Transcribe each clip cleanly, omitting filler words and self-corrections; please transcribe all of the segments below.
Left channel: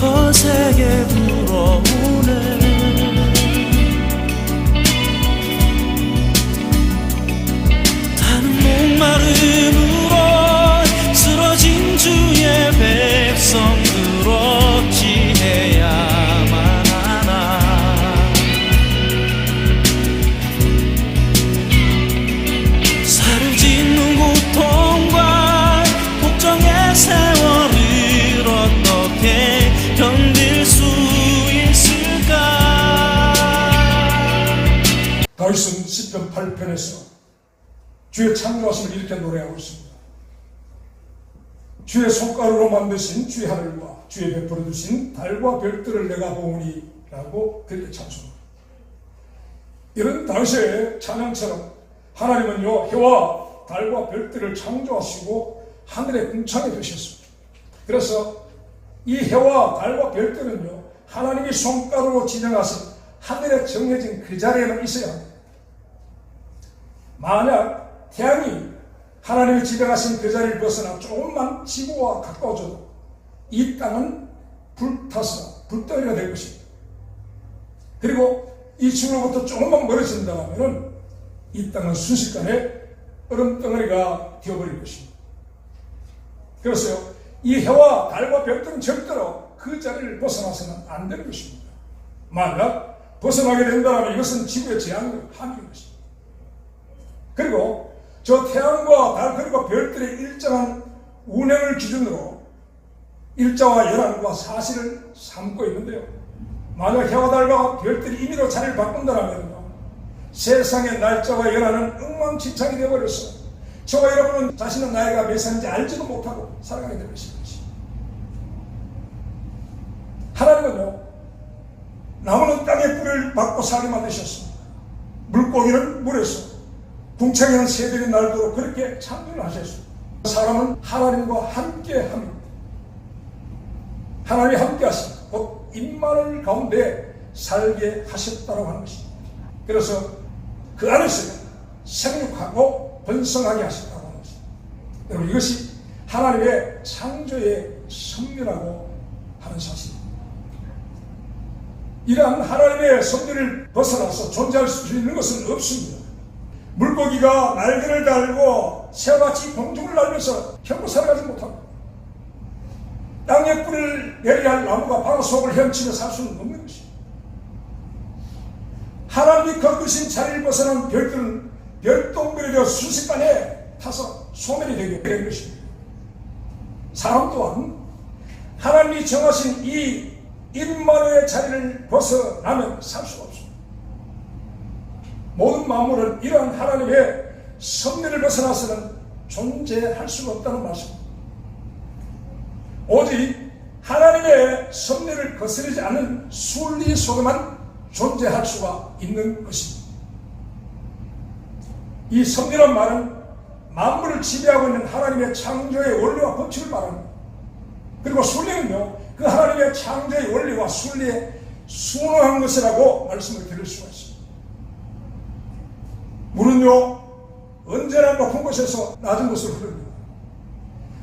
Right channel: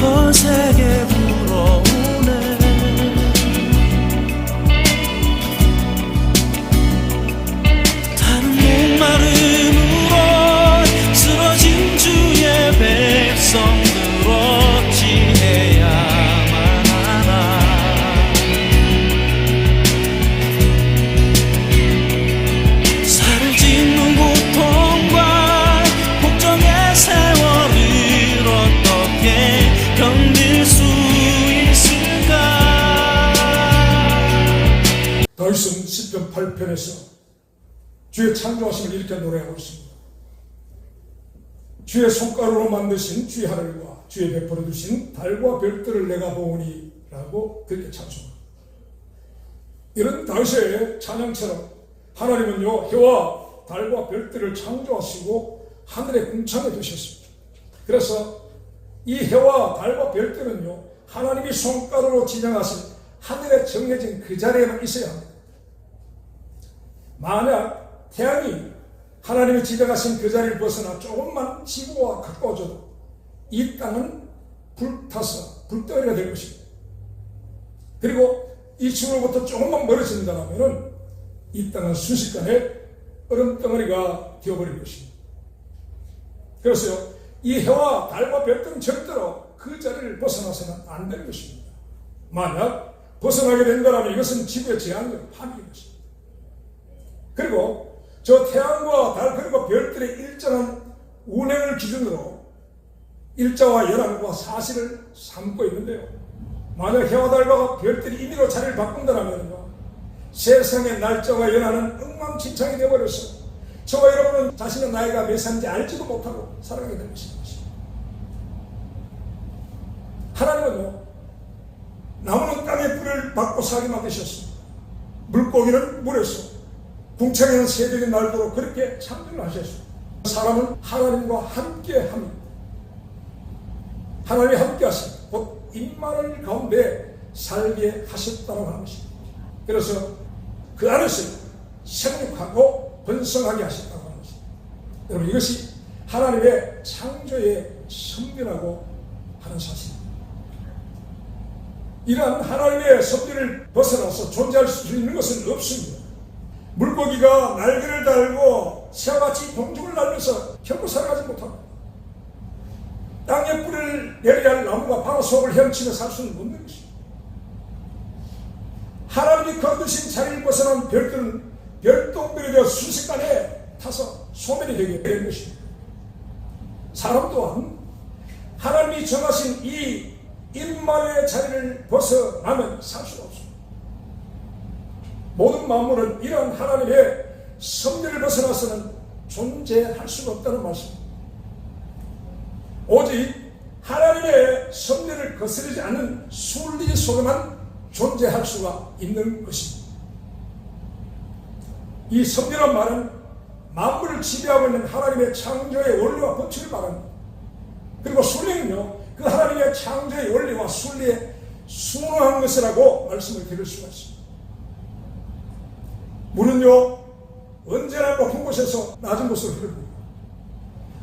거세게 불어오네. 타는 목마름으로 쓰러진 주의 백성들 어찌해야만 하나. 살을 짓는 고통과 복종의 세월을 어떻게 견딜 수 있을까. 다윗은 시편 8편에서 주의 창조하심을 이렇게 노래하고 있습니다. 주의 손가락으로 만드신 주의 하늘과 주의 베풀어 주신 달과 별들을 내가 보오니 라고 그렇게 찬송합니다. 이런 다윗의 찬양처럼 하나님은요, 해와 달과 별들을 창조하시고 하늘의 궁창에 두셨습니다. 그래서 이 해와 달과 별들은요, 하나님이 손가락으로 지정하신 하늘에 정해진 그 자리에만 있어야 합니다. 만약 태양이 하나님이 지정하신 그 자리를 벗어나 조금만 지구와 가까워져도 이 땅은 불타서 불덩이가 될 것입니다. 그리고 이 지구로부터 조금만 멀어진다면 이 땅은 순식간에 얼음덩어리가 되어버릴 것입니다. 그래서 이 해와 달과 별들은 절대로 그 자리를 벗어나서는 안 될 것입니다. 만약 벗어나게 된다면 이것은 지구의 재앙이 한계인 것입니다. 그리고 저 태양과 달 그리고 별들의 일정한 운행을 기준으로 일자와 연한과 사실을 삼고 있는데요. 만약 해와 달과 별들이 임의로 자리를 바꾼다면요, 세상의 날짜와 연한은 엉망진창이 되어버렸어. 저와 여러분은 자신의 나이가 몇 살인지 알지도 못하고 살아가게 될 것입니다. 하나님은요, 나무는 땅에 뿌리를 받고 살게 만드셨습니다. 물고기는 물에서, 궁창에는 새들이 날도록 그렇게 창조를 하셨습니다. 사람은 하나님과 함께 합니다. 하나님이 함께 하십니다. 곧 임마누엘 가운데 살게 하셨다고 하는 것입니다. 그래서 그 안에서 생육하고 번성하게 하셨다고 하는 것입니다. 여러분, 이것이 하나님의 창조의 섭리라고 하는 사실입니다. 이러한 하나님의 섭리를 벗어나서 존재할 수 있는 것은 없습니다. 물고기가 날개를 달고 새와같이 공중을 날면서 결코 살아가지 못합니다. 땅에 뿌리를 내려야 할 나무가 바로 속을 헤엄치며 살 수는 없는 것입니다. 하나님이 거두신 자리를 벗어난 별들은 별똥별이 되어 순식간에 타서 소멸이 되게 된 것입니다. 사람 또한 하나님이 정하신 이 임마누엘의 자리를 벗어나면 살 수가 없습니다. 모든 만물은 이러한 하나님의 섭리를 벗어나서는 존재할 수가 없다는 말씀입니다. 오직 하나님의 섭리를 거스르지 않는 순리 속에만 존재할 수가 있는 것입니다. 이 섭리란 말은 만물을 지배하고 있는 하나님의 창조의 원리와 법칙을 말합니다. 그리고 순리는요, 그 하나님의 창조의 원리와 순리에 순응한 것이라고 말씀을 드릴 수가 있습니다. 물은요, 언제나 높은 곳에서 낮은 곳으로 흐릅니다.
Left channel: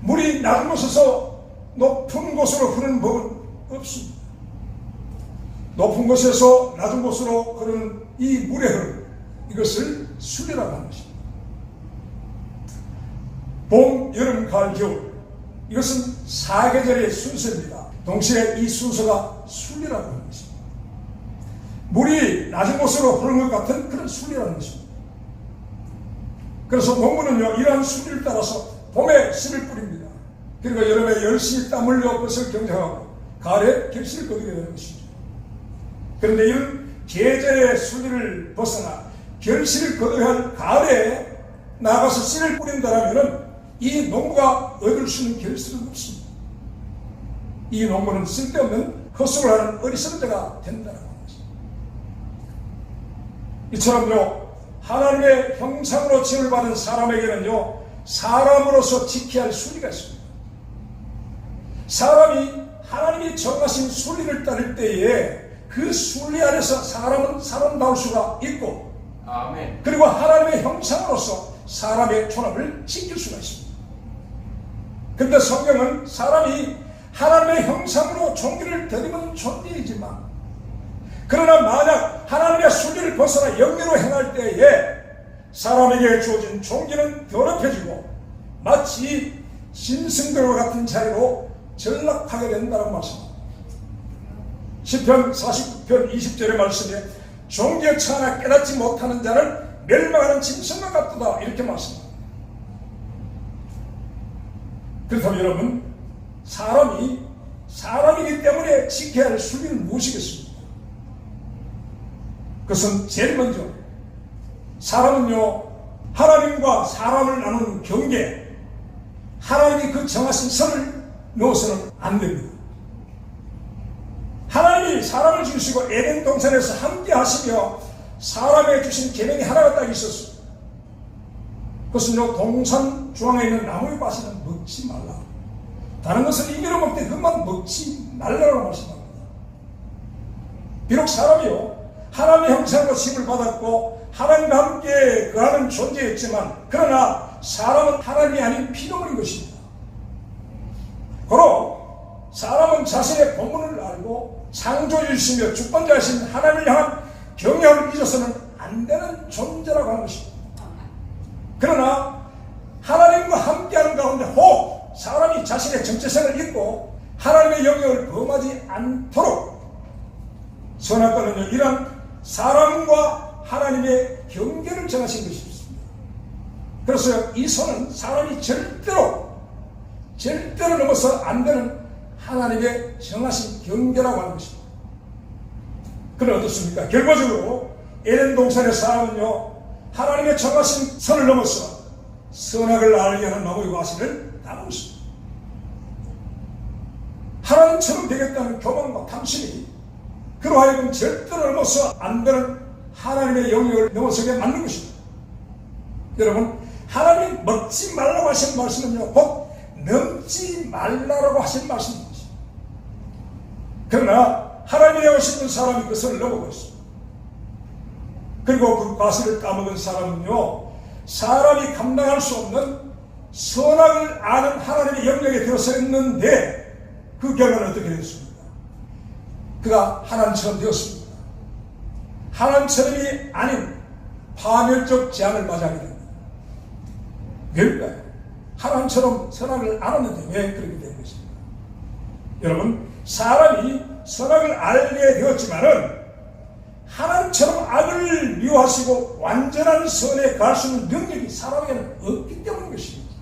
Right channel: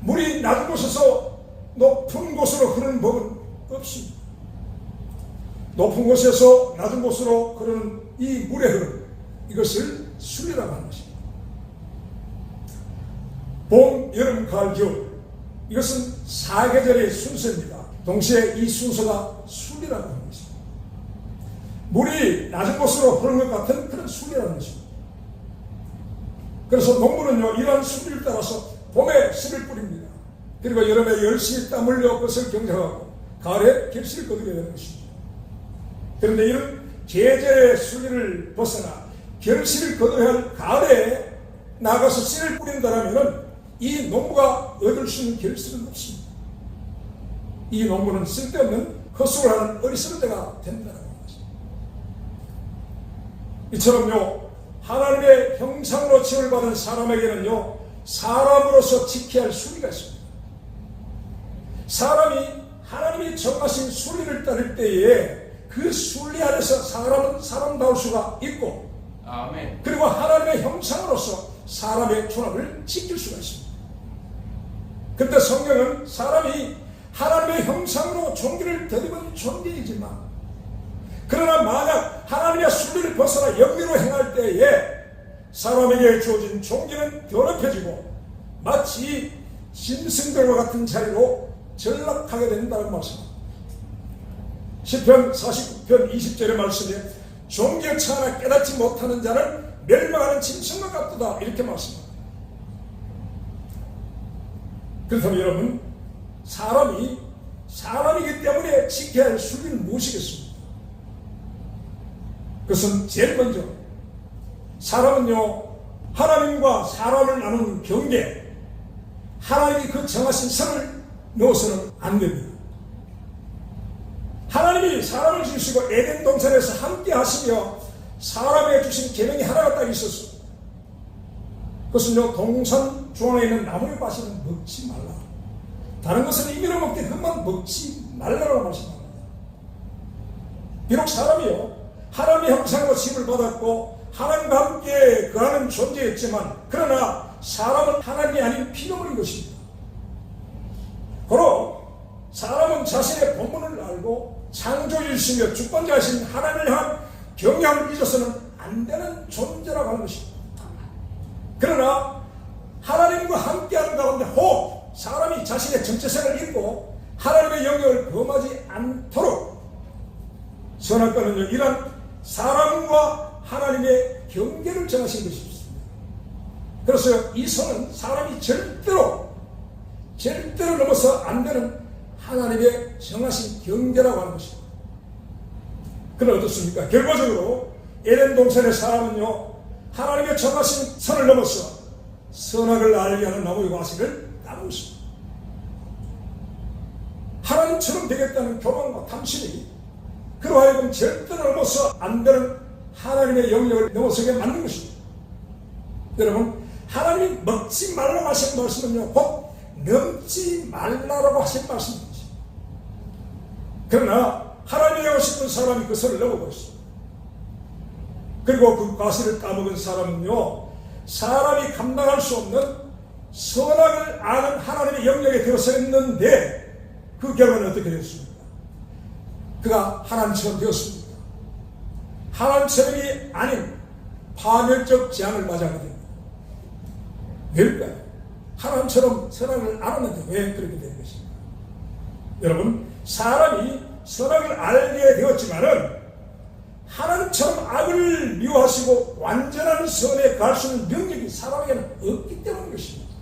물이 낮은 곳에서 높은 곳으로 흐르는 법은 없습니다. 높은 곳에서 낮은 곳으로 흐르는 이 물의 흐름, 이것을 순리라고 하는 것입니다. 봄, 여름, 가을, 겨울, 이것은 사계절의 순서입니다. 동시에 이 순서가 순리라고 하는 것입니다. 물이 낮은 곳으로 흐르는 것 같은 그런 순리라는 것입니다. 그래서 농부는요, 이러한 순리를 따라서 봄에 씨를 뿌립니다. 그리고 여름에 열심히 땀 흘려 것을 경작하고 가을에 겹씨를 거두게 되는 것입니다. 그런데 이런 계절의 순리를 벗어나 결실을 거둬야 할 가을에 나가서 씨를 뿌린다면 이 농부가 얻을 수 있는 결실은 없습니다. 이 농부는 쓸데없는 헛수를 하는 어리석은 자가 된다고 하는 것입니다. 이처럼요, 하나님의 형상으로 지음을 받은 사람에게는요, 사람으로서 지켜야 할 순리가 있습니다. 사람이 하나님이 정하신 순리를 따를 때에 그 순리 안에서 사람은 사람다울 수가 있고, 아멘. 그리고 하나님의 형상으로서 사람의 존엄을 지킬 수가 있습니다. 그런데 성경은 사람이 하나님의 형상으로 종기를 덧입은 존재이지만, 그러나 만약 하나님의 순리를 벗어나 영리로 행할 때에 사람에게 주어진 종기는 더럽혀지고 마치 짐승들과 같은 자리로 전락하게 된다는 말씀입니다. 시편 49편 20절의 말씀에 종기에 처하나 깨닫지 못하는 자는 멸망하는 짐승과 같도다, 이렇게 말씀합니다. 그래서 여러분, 사람이기 때문에 지켜야 할 순리는 무엇이겠습니까? 그것은 제일 먼저 사람은요, 하나님과 사람을 나누는 경계, 하나님이 그 정하신 선을 넣어서는 안 됩니다. 하나님이 사람을 지으시고 에덴 동산에서 함께 하시며 사람에게 주신 계명이 하나가 딱 있었어요. 그것은요, 동산 중앙에 있는 나무의 과실은 먹지 말라. 다른 것은 임의로 먹되 그것만 먹지 말라고 말씀합니다. 비록 사람이요, 하나님의 형상으로 심을 받았고 하나님과 함께 거하는 존재였지만, 그러나 사람은 하나님이 아닌 피조물인 것입니다. 그럼 사람은 자신의 본분을 알고 창조주이시며 주권자이신 하나님을 향한 경외함을 잊어서는 안 되는 존재라고 하는 것입니다. 그러나 하나님과 함께하는 가운데 혹 사람이 자신의 정체성을 잊고 하나님의 영역을 범하지 않도록 선악과는요, 이런 사람과 하나님의 경계를 정하신 것입니다. 그래서 이 선은 사람이 절대로 넘어서 안 되는 하나님의 정하신 경계라고 하는 것입니다. 그럼 어떻습니까? 결과적으로 에덴 동산의 사람은요, 하나님의 정하신 선을 넘어서 선악을 알게 하는 나무의 과실을 따르고 있습니다. 하나님처럼 되겠다는 교만과 탐심이 그로 하여금 절대로 넘어서 안 되는 하나님의 영역을 넘어서게 만든 것입니다. 여러분, 하나님이 먹지 말라고 하신 말씀은요, 곧 넘지 말라고 하신 말씀입니다. 그러나 하나님이 하고 싶은 사람이 그 선을 넘어갔습니다. 그리고 그 과실을 까먹은 사람은요, 사람이 감당할 수 없는 선악을 아는 하나님의 영역에 들어서 있는데 그 결과는 어떻게 됐습니까? 그가 하나님처럼 되었습니다. 하나님처럼이 아닌 파멸적 재앙을 맞이하게 됩니다. 왜일까요? 하나님처럼 선악을 알았는데 왜 그렇게 된 것입니까? 여러분, 사람이 선악을 알게 되었지만은 하나님처럼 악을 미워하시고 완전한 선에 갈 수 있는 능력이 사람에게는 없기 때문인 것입니다.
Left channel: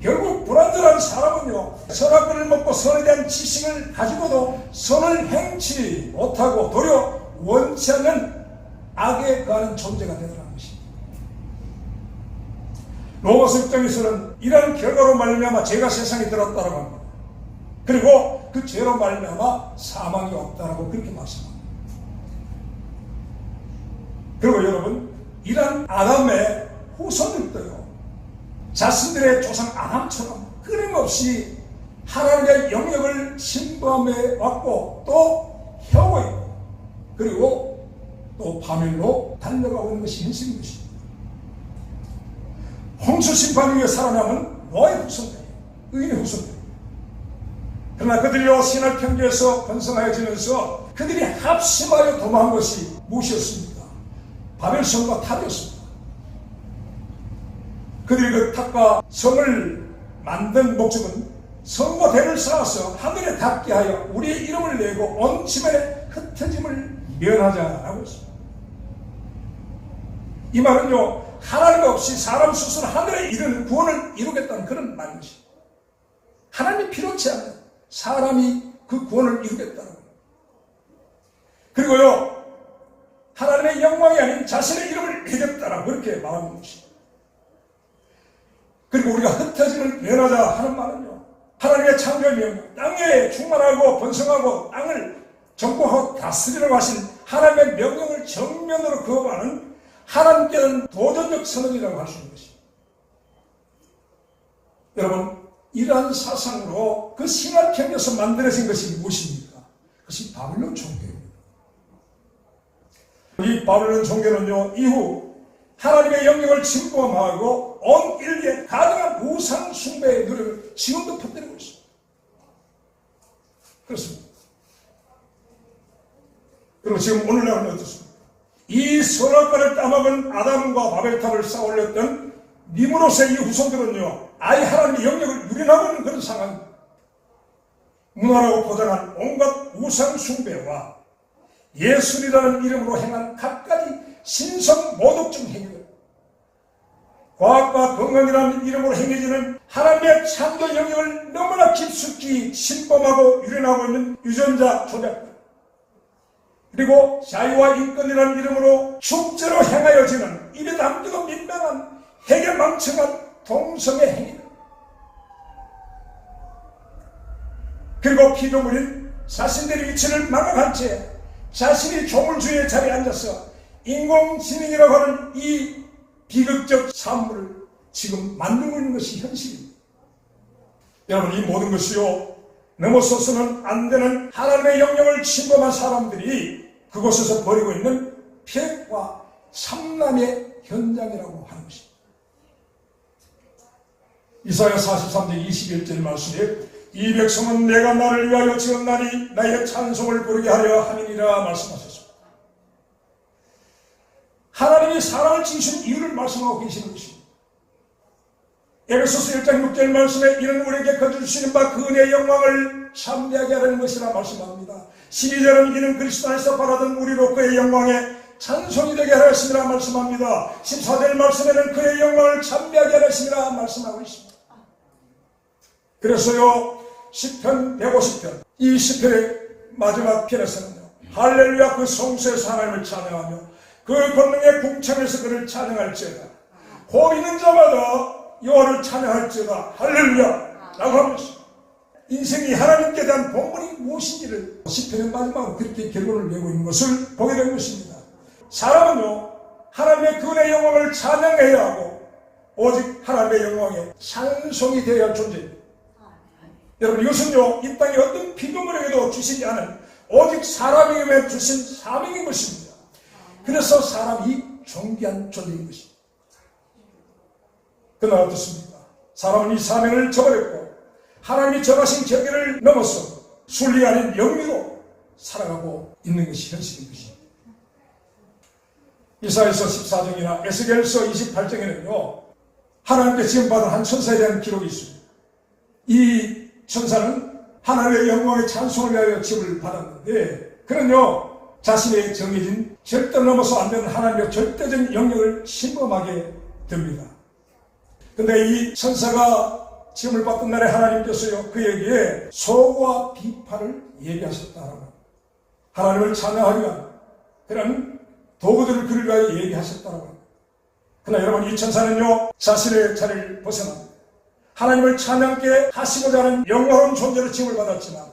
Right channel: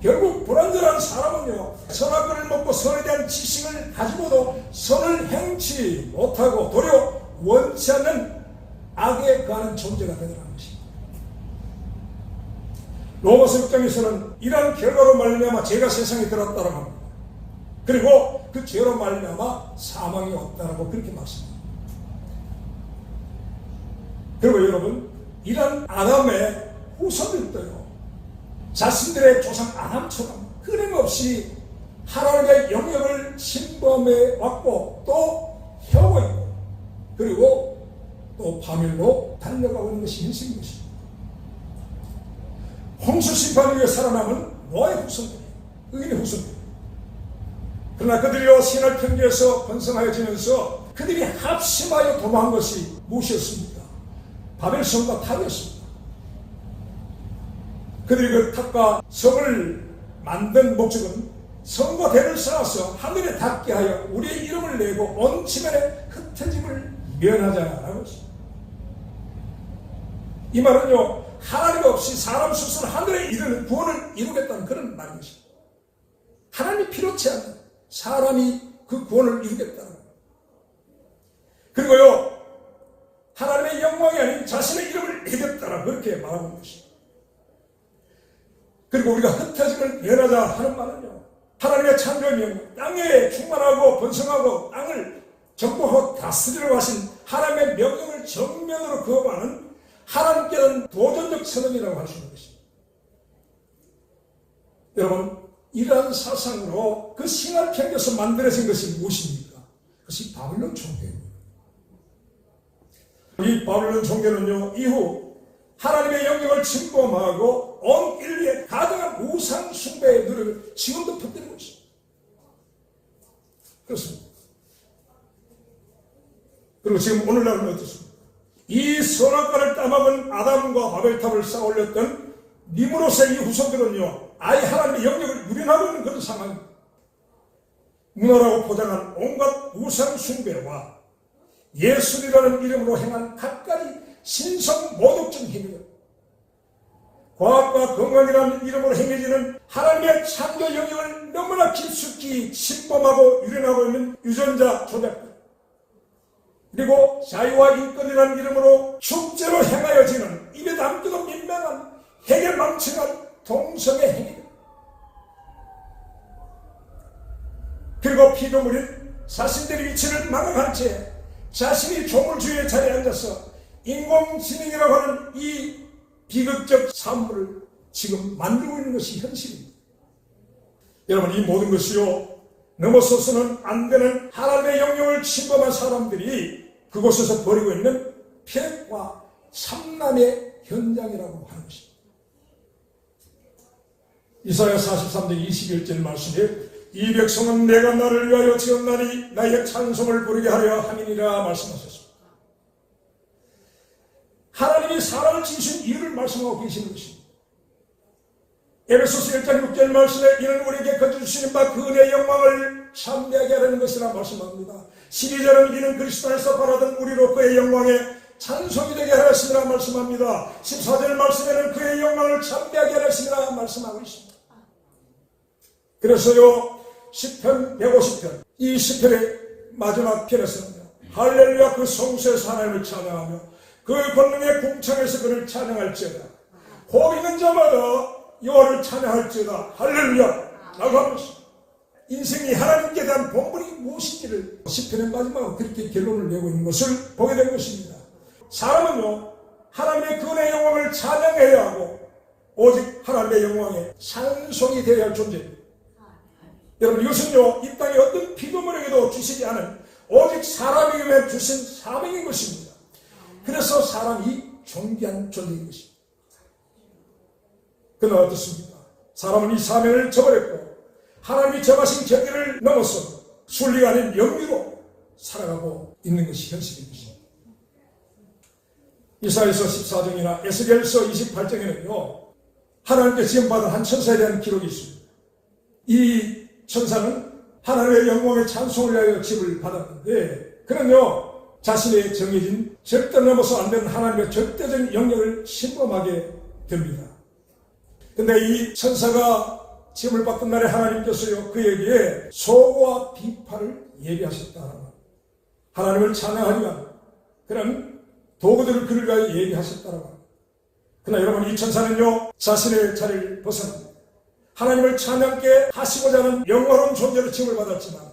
결국 불완전한 사람은요, 선악을 먹고 선에 대한 지식을 가지고도 선을 행치 못하고 도리어 원치 않는 악에 가는 존재가 되어가는 것입니다. 로마서 6장에서는 이러한 결과로 말미암아 죄가 세상에 들었다라고 합니다. 그리고 그 죄로 말미암아 사망이 없다라고 그렇게 말씀합니다. 그리고 여러분, 이런 아담의 후손들도요, 자신들의 조상 아담처럼 끊임없이 하나님의 영역을 침범해 왔고 또 해오고 있고, 그리고 또 파멸로 달려가고 있는 것이 현실인 것입니다. 홍수 심판 이후에 살아남은 노아의 후손들이에요. 의인의 후손들. 그러나 그들이요, 신할 평지에서 번성하여지면서 그들이 합심하여 도망한 것이 무엇이었습니까? 바벨성과 탑이었습니다. 그들이 그 탑과 성을 만든 목적은 성과 대를 쌓아서 하늘에 닿게 하여 우리의 이름을 내고 온 지면에 흩어짐을 면하자라고 했습니다. 이 말은요, 하나님 없이 사람 스스로 하늘에 이르는 구원을 이루겠다는 그런 말입니다. 하나님이 필요치 않는 사람이 그 구원을 이루겠다는. 그리고요, 하나님의 영광이 아닌 자신의 이름을 내겠다라 그렇게 말하는 것입니다. 그리고 우리가 흩어짐을 면하자 하는 말은요, 하나님의 창조의 명령, 땅에 충만하고 번성하고 땅을 정복하고 다스리라고 하신 하나님의 명령을 정면으로 거부하는 하나님께는 도전적 선언이라고 할 수 있는 것입니다. 여러분, 이러한 사상으로 그 신학 편에서 만들어진 것이 무엇입니까? 그것이 바벨론 종교입니다. 이 바벨론 종교는요, 이후 하나님의 영역을 침범하고 온 인류의 가증한 우상 숭배의 노력을 지금도 퍼뜨리고 있습니다. 그렇습니다. 그리고 지금 오늘날은 어떻습니까? 이 선악과를 따먹은 아담과 바벨탑을 쌓아올렸던 니므롯의 이 후손들은요, 아예 하나님의 영역을 유린하고 있는 그런 상황입니다. 문화라고 포장한 온갖 우상 숭배와 예술이라는 이름으로 행한 갖가지 신성 모독적 행위들, 과학과 건강이라는 이름으로 행해지는 하나님의 창조 영역을 너무나 깊숙이 침범하고 유린하고 있는 유전자 조작들, 그리고 자유와 인권이라는 이름으로 축제로 행하여지는 입에 담기도 민망한 해결망측한 동성애 행위들, 그리고 피조물인 자신들의 위치를 망각한 채 자신이 조물주의 자리에 앉아서 인공지능이라고 하는 이 비극적 산물을 지금 만들고 있는 것이 현실입니다. 여러분, 이 모든 것이요, 넘어서서는 안 되는 하나님의 영역을 침범한 사람들이 그곳에서 벌이고 있는 폐과 삼남의 현장이라고 하는 것입니다. 이사야 43장 21절 말씀에 이 백성은 내가 나를 위하여 지었나니 나의 찬송을 부르게 하려 함이니라 말씀하셨습니다. 하나님이 사람을 지으신 이유를 말씀하고 계시는 것입니다. 에베소서 1장 6절 말씀에 이는 우리에게 거두시는 바 그 은혜의 영광을 참배하게 하려는 것이라 말씀합니다. 12절은 이는 그리스도 안에서 바라던 우리로 그의 영광에 찬송이 되게 하였습니다 말씀합니다. 14절 말씀에는 그의 영광을 참배하게 하였습니다 말씀하고 있습니다. 그래서요, 시편 150편, 이 시편의 마지막 편에서는요, 할렐루야 그 성소에서 하나님을 찬양하며 그 권능의 궁창에서 그를 찬양할지어다. 곧 있는 자마다 여호와를 찬양할지어다. 할렐루야 라고 하는 것입니다. 인생이 하나님께 대한 본분이 무엇인지를 시편의 마지막으로 그렇게 결론을 내고 있는 것을 보게 된 것입니다. 사람은요, 하나님의 그 은혜의 영광을 찬양해야 하고 오직 하나님의 영광에 찬송이 되어야 할 존재입니다. 여러분, 이것은요, 이 땅에 어떤 피조물에게도 주시지 않은 오직 사람에게 주신 사명인 것입니다. 그래서 사람이 존귀한 존재인 것입니다. 그러나 어떻습니까? 사람은 이 사명을 저버렸고 하나님이 정하신 경계를 넘어서 순리 아닌 영리로 살아가고 있는 것이 현실인 것입니다. 이사야서 14장이나 에스겔서 28장에는요, 하나님께 지음받은 한 천사에 대한 기록이 있습니다. 이 천사는 하나님의 영광의 찬송을 위하여 지음을 받았는데, 그는요, 자신의 정해진 절대 넘어서 안 되는 하나님의 절대적인 영역을 침범하게 됩니다. 근데 이 천사가 지음을 받던 날에 하나님께서요, 그에게 소고와 비파를 예비하셨다라고, 하나님을 찬양하기 위한 그런 도구들을 그를 위하여 예비하셨다라고. 그러나 여러분, 이 천사는요, 자신의 자리를 벗어납니다. 하나님을 찬양케 하시고자 하는 영광스러운 존재로 지음을 받았지만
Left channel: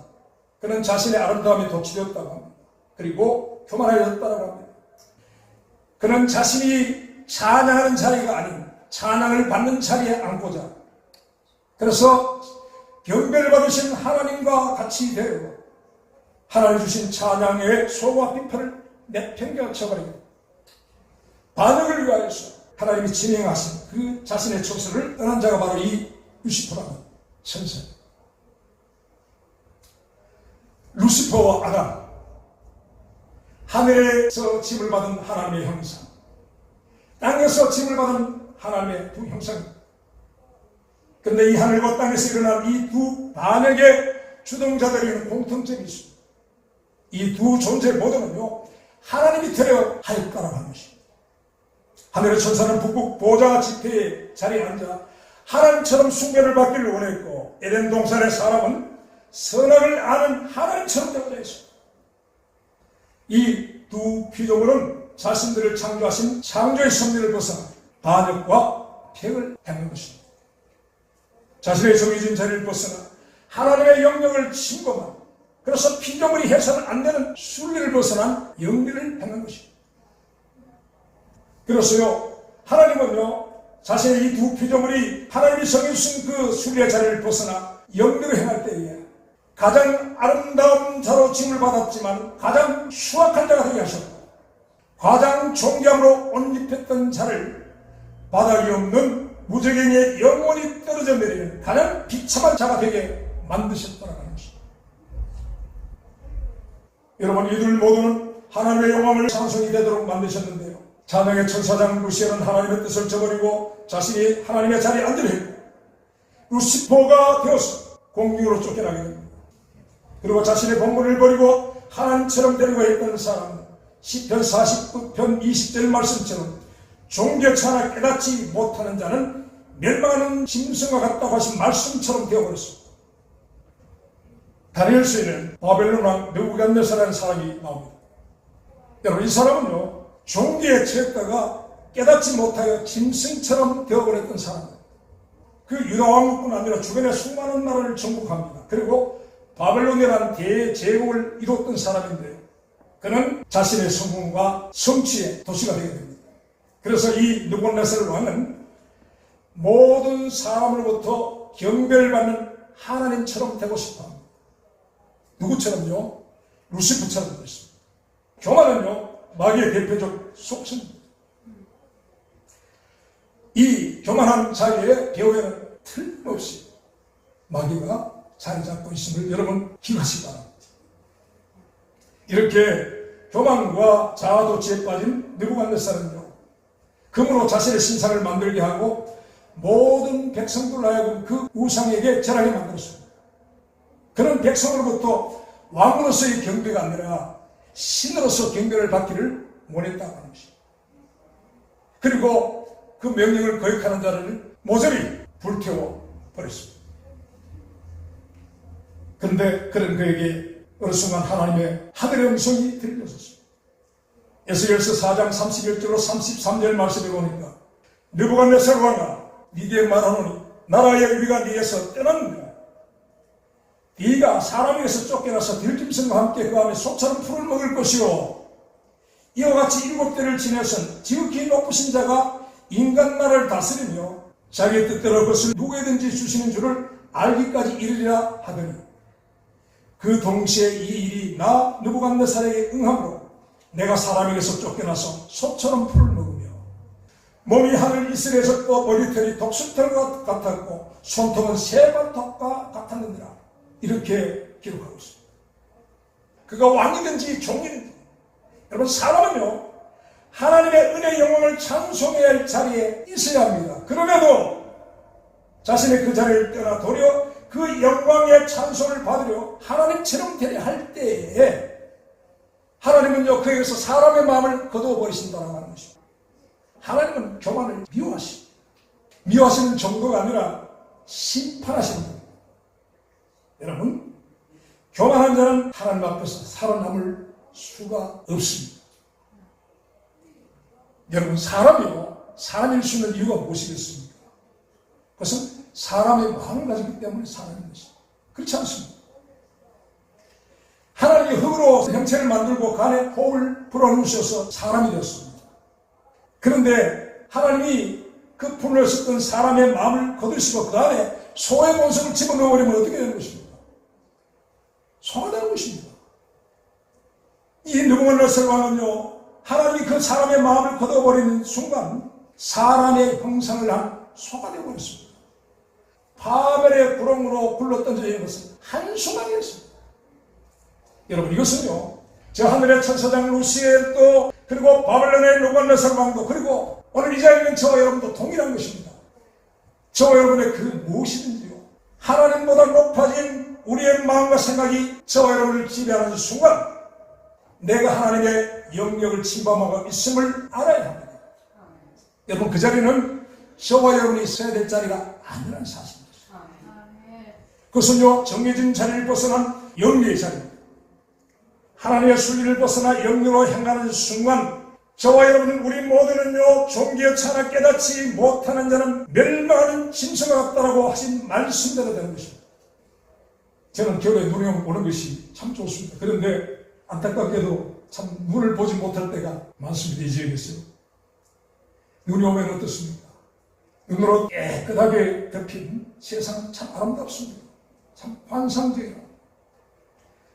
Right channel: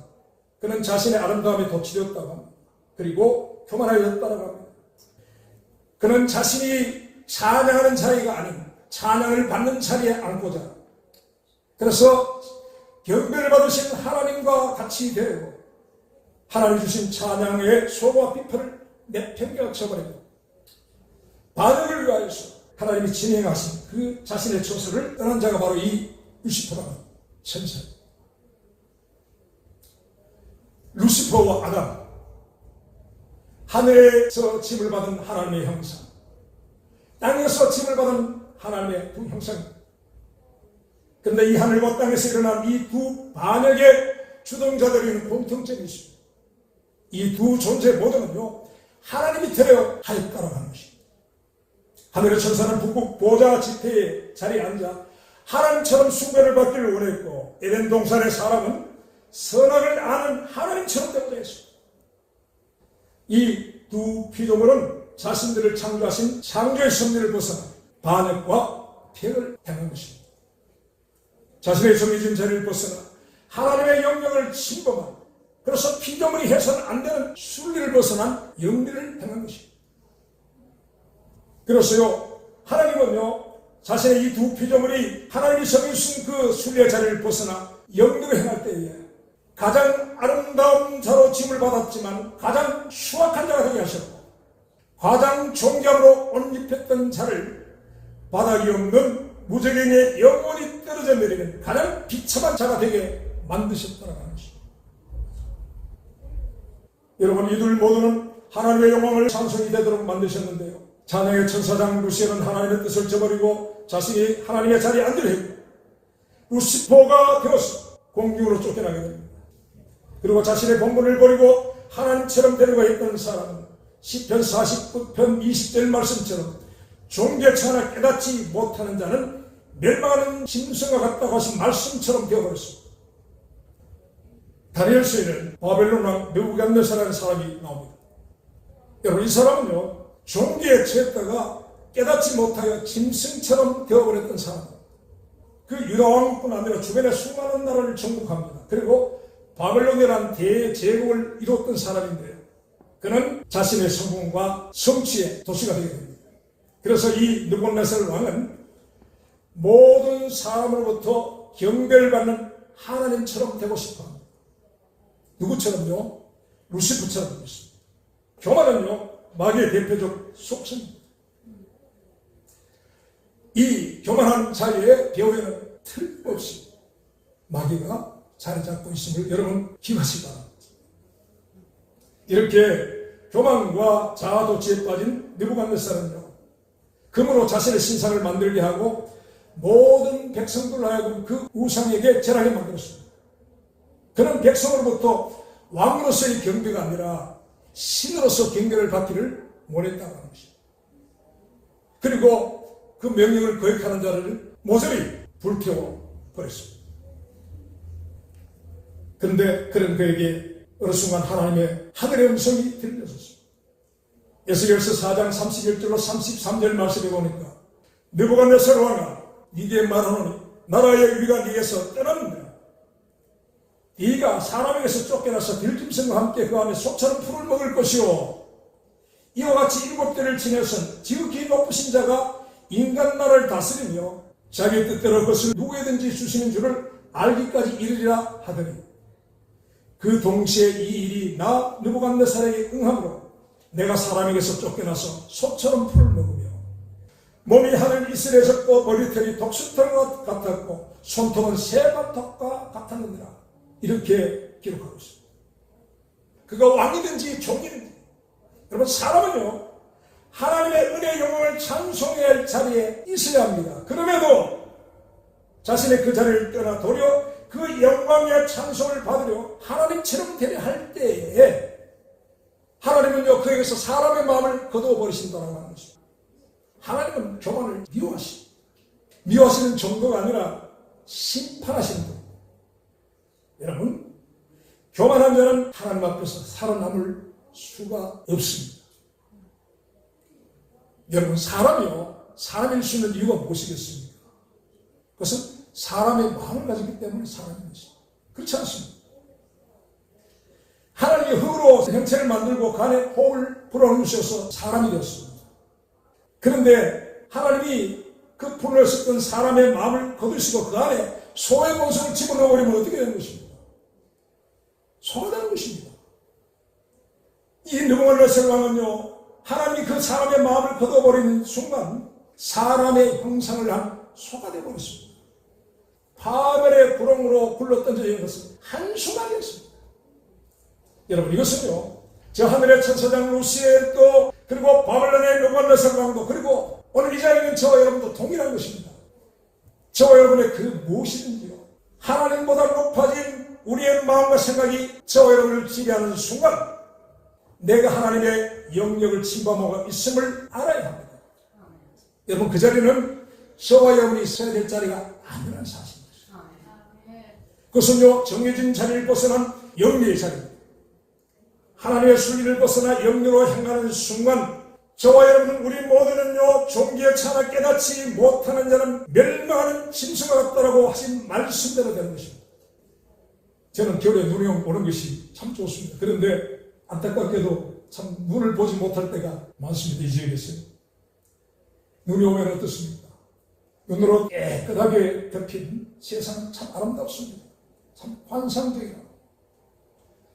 그는 자신의 아름다움에 도취되었다고 합니다. 그리고 교만하였다고 합니다. 그는 자신이 찬양하는 자리가 아닌 찬양을 받는 자리에 앉고자, 그래서 경배를 받으신 하나님과 같이 되고 하나님 주신 찬양의 소와 비파를 내팽개쳐버립니다. 반응을 위하여서 하나님이 진행하신 그 자신의 처소를 떠난 자가 바로 이 루시퍼라는 천사입니다. 루시퍼와 아담, 하늘에서 짐을 받은 하나님의 형상, 땅에서 짐을 받은 하나님의 두 형상입니다. 그런데 이 하늘과 땅에서 일어난 이 두 반역의 주동자들에게는 공통점이 있습니다. 이 두 존재 모두는요, 하나님이 되어 하였다라고 하는 것입니다. 하늘의 천사는 북극 보좌 지폐의 자리에 앉아 하나님처럼 숭배를 받기를 원했고, 에덴 동산의 사람은 선악을 아는 하나님처럼 되고자 했습니다. 이 두 피조물은 자신들을 창조하신 창조의 섭리를 벗어나 반역과 폐역을 행한 것입니다. 자신의 정해진 자리를 벗어나 하나님의 영역을 침범한, 그래서 피조물이 해서는 안 되는 순리를 벗어난 영리를 행한 것입니다. 그래서요, 하나님은요, 자신의 이 두 피조물이 하나님이 정해주신 그 순리의 자리를 벗어나 영리로 행할 때에 가장 아름다운 자로 짐을 받았지만 가장 수악한 자가 되게 하셨고, 가장 존귀함으로 옷 입혔던 자를 바닥이 없는 무적행에 영원히 떨어져 내리는 가장 비참한 자가 되게 만드셨다는 것입니다. 여러분, 이들 모두는 하나님의 영광을 찬송이 되도록 만드셨는데요. 찬양의 천사장 루시엘은 하나님의 뜻을 저버리고 자신이 하나님의 자리에 앉으려 했고, 루시퍼가 되어서 공중으로 쫓겨나게 됩니다. 그리고 자신의 본분을 버리고 하나님처럼 되려고 했던 사람은 시편 49편 20절 말씀처럼 종교차나 깨닫지 못하는 자는 멸망하는 짐승과 같다고 하신 말씀처럼 되어버렸습니다. 다니엘서에는 바벨론 왕 느부갓네살이라는 사람이 나옵니다. 여러분, 이 사람은요, 종교에 처했다가 깨닫지 못하여 짐승처럼 되어버렸던 사람입니다. 그 유다 왕국뿐 아니라 주변의 수많은 나라를 정복합니다. 그리고 바벨론이라는 대제국을 이뤘던 사람인데요, 그는 자신의 성공과 성취의 도시가 되게 됩니다. 그래서 이 느부갓네살 왕은 모든 사람으로부터 경배를 하나님처럼 되고 싶어합니다. 누구처럼요? 루시프처럼 되겠습니다. 교만은요, 마귀의 대표적 속성입니다. 이 교만한 자리에 배후에는 틀림없이 마귀가 자리 잡고 있음을 여러분 기억하시기 바랍니다. 이렇게 교만과 자아도취에 빠진 느부갓네살은요, 금으로 자신의 신상을 만들게 하고 모든 백성들로 하여금 그 우상에게 절하게 만들었습니다. 그는 백성으로부터 왕으로서의 경배가 아니라 신으로서 경배를 받기를 원했다고 하는 것입니다. 그리고 그 명령을 거역하는 자를 모조리 불태워 버렸습니다. 그런데 그런 그에게 어느 순간 하나님의 하늘의 음성이 들려졌습니다. 에스겔서 4장 31절로 33절 말씀에 보니까 느부갓네살 왕아, 니네 말하노니 나라의 위가 네에서 떠났느니라. 네가 사람에게서 쫓겨나서 들짐승과 함께 그 안에 소처럼 풀을 먹을 것이요, 이와 같이 7대를 지내선 지극히 높으신 자가 인간 나라를 다스리며 자기 뜻대로 그것을 누구에든지 주시는 줄을 알기까지 이르리라 하더니, 그 동시에 이 일이 나 느부갓네살에게 응함으로 내가 사람에게서 쫓겨나서 소처럼 풀을 먹으며 몸이 하늘 이슬에서 또 머리털이 독수털과 같았고 손톱은 새발톱과 같았느니라. 이렇게 기록하고 있습니다. 그가 왕이든지 종이든지, 여러분, 사람은요, 하나님의 은혜의 영광을 찬송해야 할 자리에 있어야 합니다. 그럼에도 자신의 그 자리를 떠나 도리어 그 영광의 찬송을 받으려 하나님처럼 되려 할 때에 하나님은요, 그에게서 사람의 마음을 거두어버리신다고 하는 것입니다. 하나님은 교만을 미워하시는 정도가 아니라 심판하시는 겁니다. 여러분, 교만한 자는 하나님 앞에서 살아남을 수가 없습니다. 여러분, 사람일 수 있는 이유가 무엇이겠습니까? 그것은 사람의 마음을 가지기 때문에 사람인 것입니다. 그렇지 않습니다. 하나님이 흙으로 형체를 만들고 그 안에 호흡을 불어넣으셔서 사람이 되었습니다. 그런데 하나님이 그 분을 섞은 사람의 마음을 거두시고 그 안에 소의 본성을 집어넣어버리면 어떻게 되는 것입니까? 소가 되는 것입니다. 이 느부갓네살 왕은요, 하나님이 그 사람의 마음을 거둬버리는 순간 사람의 형상을 한 소가 되어버렸습니다. 바벨의 구렁으로 굴러던져진 것은 한순간이었습니다. 여러분, 이것은요, 저 하늘의 천사장 루시엘도, 그리고 바벨론의 느부갓네살 왕도, 그리고 오늘 이 자리에 있는 저와 여러분도 동일한 것입니다. 저와 여러분의 그 무엇이든지요, 하나님보다 높아진 우리의 마음과 생각이 저와 여러분을 지배하는 순간 내가 하나님의 영역을 침범하고 있음을 알아야 합니다. 여러분, 그 자리는 저와 여러분이 있어야 될 자리가 아니라는 사실입니다. 그것은요, 정해진 자리를 벗어난 영리의 자리입니다. 하나님의 순리를 벗어나 영리로 향하는 순간 저와 여러분, 우리 모두는요, 종교에 차나 깨닫지 못하는 자는 멸망하는 짐승과 같다라고 하신 말씀대로 되는 것입니다. 저는 겨울에 눈이 오는 것이 참 좋습니다. 그런데 안타깝게도 참 눈을 보지 못할 때가 많습니다. 이 지역에서요. 눈이 오면 어떻습니까? 눈으로 깨끗하게 덮인 세상은 참 아름답습니다. 참 환상적이다.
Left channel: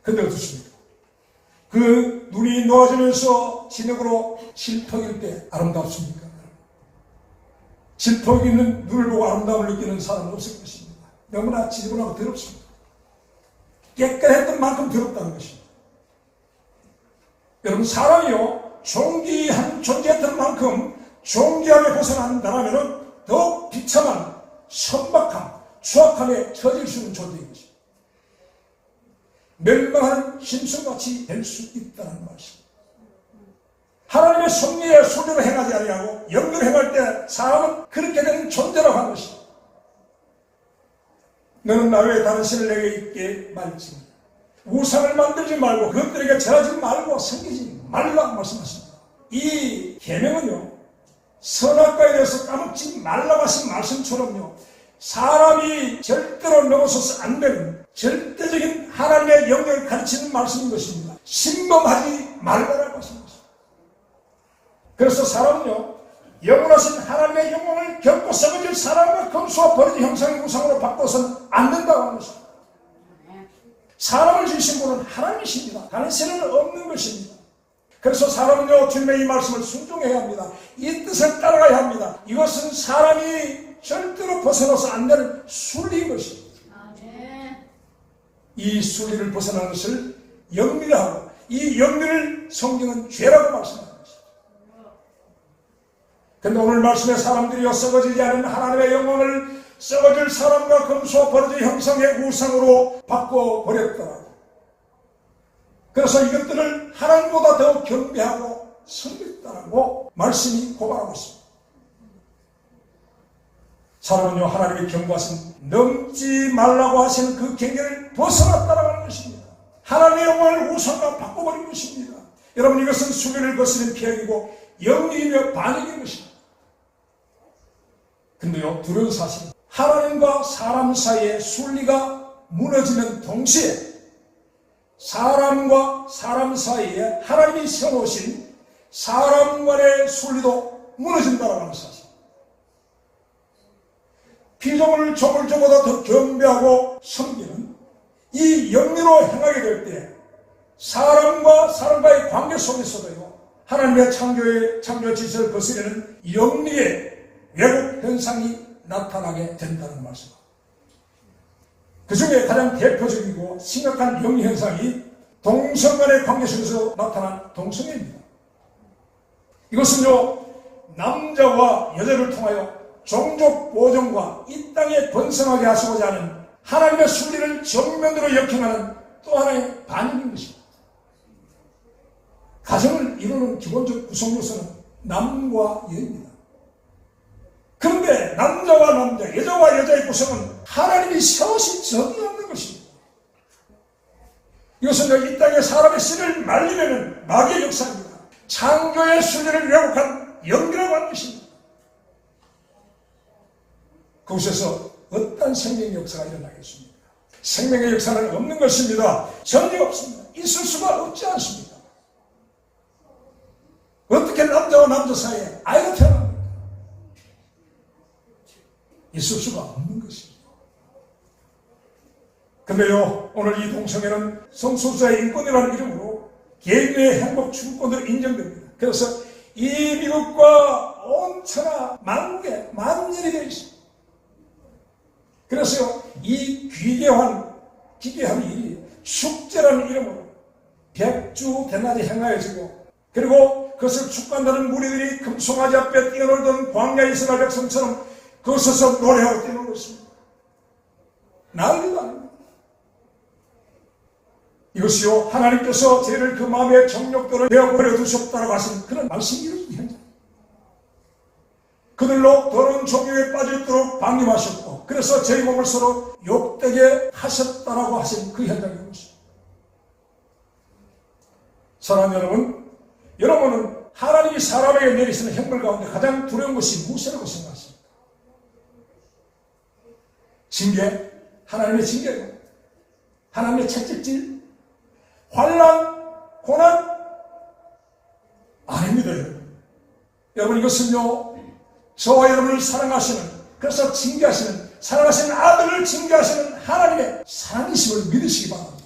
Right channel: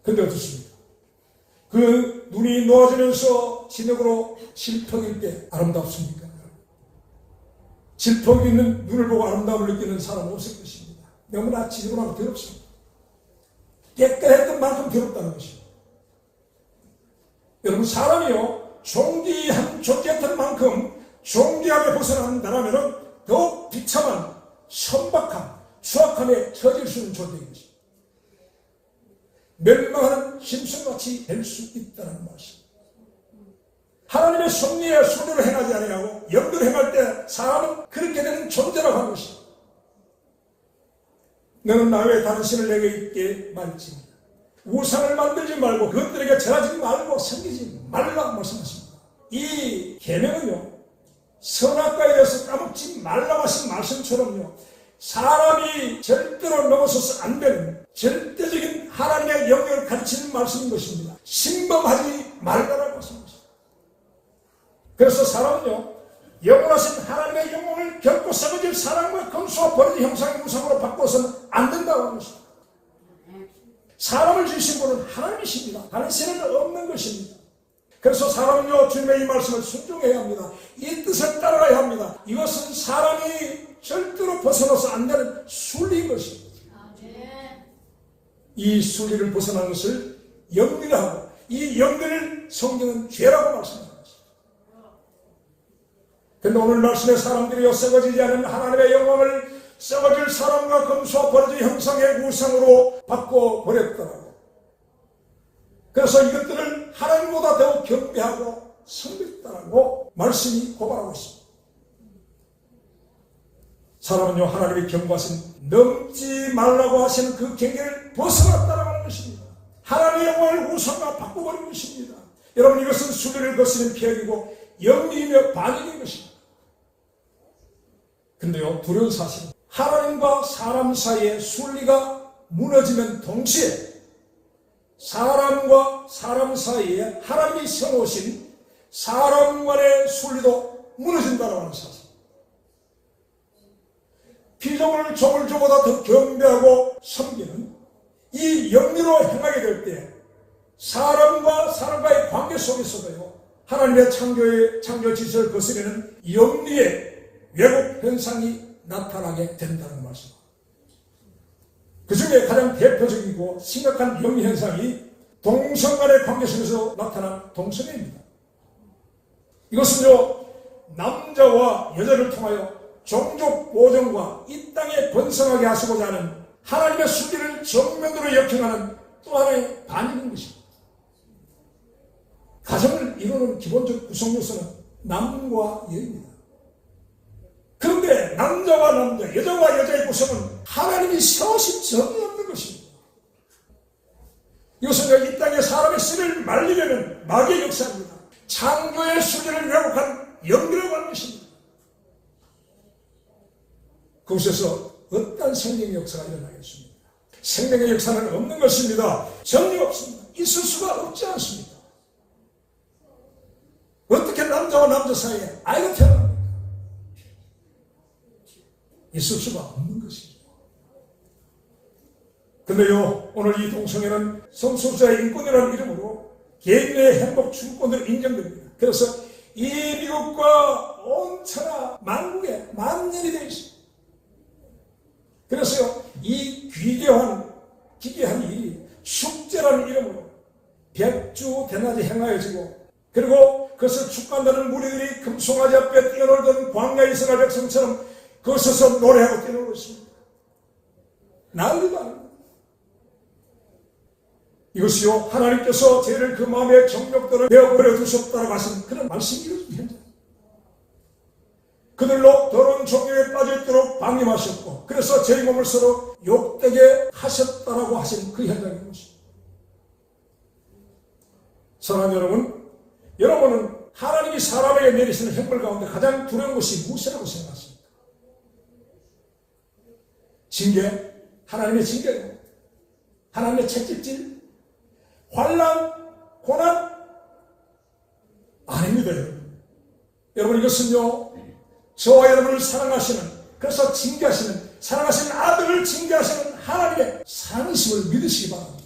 근데 어떻습니까? 그 눈이 놓아지면서 진흙으로 질퍽일 때 아름답습니까? 질퍽 있는 눈을 보고 아름다움을 느끼는 사람은 없을 것입니다. 너무나 지저분하고 더럽습니다. 깨끗했던 만큼 더럽다는 것입니다. 여러분, 사람이요 존귀한 존재했던 만큼 존귀함에 벗어난다면 더욱 비참한 선박함, 추악함에 처질 수 있는 존재인 것입니다. 멸망하는 짐승같이 될 수 있다는 말씀. 하나님의 섭리에 순리로 행하지 아니하고 영으로 행할 때 사람은 그렇게 되는 존재라고 하는 것입니다. 너는 나 외에 다른 신을 내게 있게 말지, 우상을 만들지 말고 그것들에게 절하지 말고 섬기지 말라고 말씀하십니다. 이 계명은요, 선악과에 대해서 까먹지 말라고 하신 말씀처럼요, 사람이 절대로 넘어서서 안 되는 절대적인 하나님의 영역을 가르치는 말씀인 것입니다. 신범하지 말라고 하신 것입니다. 그래서 사람은요, 영원하신 하나님의 영광을 결코 썩어질 사람과 검수와 버리지 형상의 우상으로 바꿔서는 안 된다고 하는 것입니다. 사람을 지으신 분은 하나님이십니다. 다른 신은 없는 것입니다. 그래서 사람은요, 주님의 이 말씀을 순종해야 합니다. 이 뜻을 따라가야 합니다. 이것은 사람이 절대로 벗어나서 안 되는 순리인 것입니다. 이 순리를 벗어난 것을 영리라 하고, 이 영리를 성경은 죄라고 말씀합니다. 그런데 오늘 말씀에 사람들이요, 썩어지지 않은 하나님의 영광을 썩어질 사람과 검수와 버러지 형상의 우상으로 바꿔버렸더라고. 그래서 이것들을 하나님보다 더 경배하고 섬겼다라고 말씀이 고발하고 있습니다. 사람은요, 하나님의 경고하신 넘지 말라고 하신 그 경계를 벗어났다라고 하는 것입니다. 하나님의 영광을 우상과 바꿔버린 것입니다. 여러분, 이것은 수비를 거스는 피해이고 영리이며 반역인 것입니다. 근데요, 두려운 사실은 하나님과 사람 사이의 순리가 무너지면 동시에 사람과 사람 사이에 하나님이 세워놓으신 사람 간의 순리도 무너진다고 하는 사실. 피조물 조물조보다 더 경배하고 섬기는 이 영리로 행하게 될 때 사람과 사람과의 관계 속에서도요, 하나님의 창조 질서를 거스르는 영리의 왜곡 현상이 나타나게 된다는 말씀입니다. 그 중에 가장 대표적이고 심각한 영리 현상이 동성 간의 관계 속에서 나타난 동성애입니다. 이것은요, 남자와 여자를 통하여 종족 보존과 이 땅에 번성하게 하시고자 하는 하나님의 순리를 정면으로 역행하는 또 하나의 반응인 것입니다. 가정을 이루는 기본적 구성 요소는 남과 여입니다. 그런데 남자와 남자, 여자와 여자의 구성은 하나님이 세우신 적이 없는 것입니다. 이것은 이 땅에 사람의 씨를 말리려는 마귀의 역사입니다. 창조의 순리를 왜곡한 영이라고 하는 것입니다. 그곳에서 어떤 생명의 역사가 일어나겠습니까? 생명의 역사는 없는 것입니다. 전혀 없습니다. 있을 수가 없지 않습니다. 어떻게 남자와 남자 사이에 아이가 태어납니까? 있을 수가 없는 것입니다. 그런데요, 오늘 이 동성애는 성소수자의 인권이라는 이름으로 개인의 행복 추구권으로 인정됩니다. 그래서 이 미국과 온 천하 만국에 만연이 되어 있습니다. 그래서요, 이 기괴한 축제라는 이름으로 백주 대낮에 행하여지고, 그리고 그것을 축구한다는 무리들이 금송아지 앞에 뛰어놀던 광야 이스라엘 백성처럼 그것에서 노래하고 뛰어놀고 있습니다. 난리도 아닙니다. 이것이요, 하나님께서 저희를 그 마음의 정욕들을 내어버려 두셨다라고 하신 그런 말씀입니다. 그들로 더러운 종교에 빠져있도록 방임하셨고, 그래서 저희 몸을 서로 욕되게 하셨다라고 하신 그 현장인 것입니다. 사랑하는 여러분, 여러분은 하나님이 사람에게 내리시는 형벌 가운데 가장 두려운 것이 무엇이라고 생각하십니까? 징계, 하나님의 징계고, 하나님의 채찍질, 환난, 고난? 아닙니다, 여러분. 여러분, 이것은요, 저와 여러분을 사랑하시는, 그래서 징계하시는, 사랑하시는 아들을 징계하시는 하나님의 사랑이심을 믿으시기 바랍니다.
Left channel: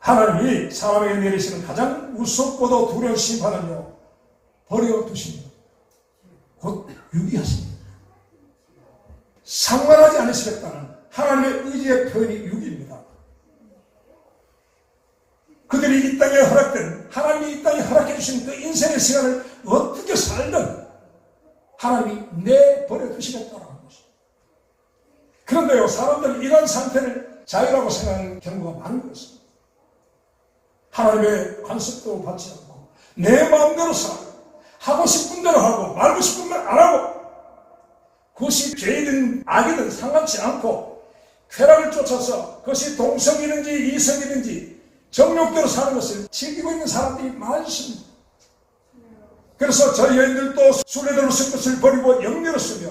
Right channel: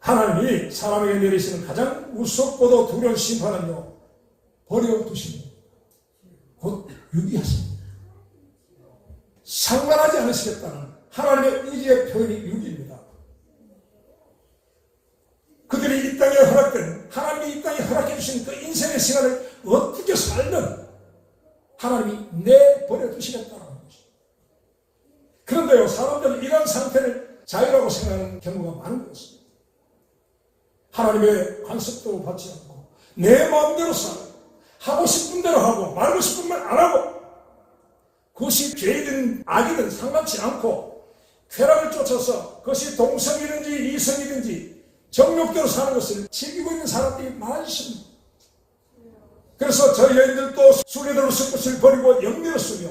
하나님이 사람에게 내리시는 가장 무섭고도 두려운 심판은요, 버려두십니다. 곧 유기하십니다. 상관하지 않으시겠다는 하나님의 의지의 표현이 유기입니다. 주신 그 인생의 시간을 어떻게 살든 하나님이 내버려 두시겠다라는 것입니다. 그런데요, 사람들은 이런 상태를 자유라고 생각하는 경우가 많은 것입니다. 하나님의 간섭도 받지 않고 내 마음대로 살고 하고 싶은 대로 하고 말고 싶은 말 안 하고, 그것이 죄이든 악이든 상관치 않고 쾌락을 쫓아서 그것이 동성이든지 이성이든지 정욕대로 사는 것을 즐기고 있는 사람들이 많습니다. 그래서 저희 여인들도 순례대로 쓸 것을 버리고 영대로 쓰며,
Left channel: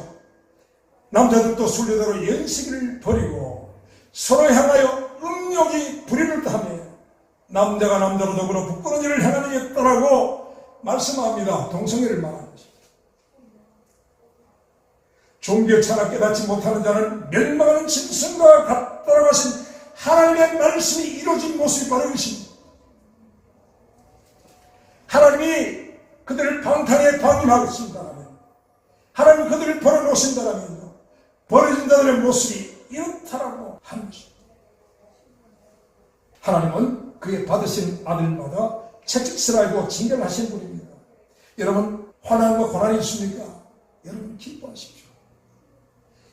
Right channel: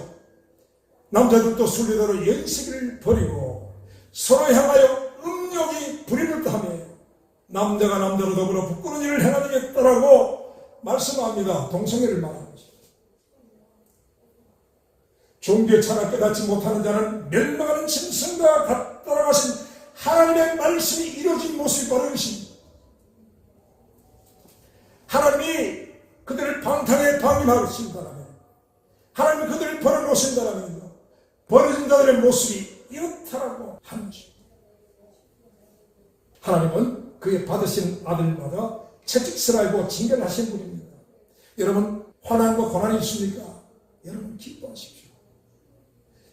남자들도 순례대로 연식을 버리고 서로 향하여 음욕이 불의를 하며 남자가 남자로 더불어 부끄러운 일을 행하겠다라고 말씀합니다. 동성애를 말하는 것입니다. 종교 철학 깨닫지 못하는 자는 멸망하는 짐승과 같다라고 하신 하나님의 말씀이 이루어진 모습이 바로 이것입니다. 하나님이 그들을 방탕에 방임하고 있습니다라면, 하나님 그들을 버려놓으신다라면 버려진 자들의 모습이 이렇다라고 하는 것입니다. 하나님은 그의 받으신 아들마다 채찍질하고 징계하신 분입니다. 여러분, 환난과 고난이 있습니까? 여러분 기뻐하십시오.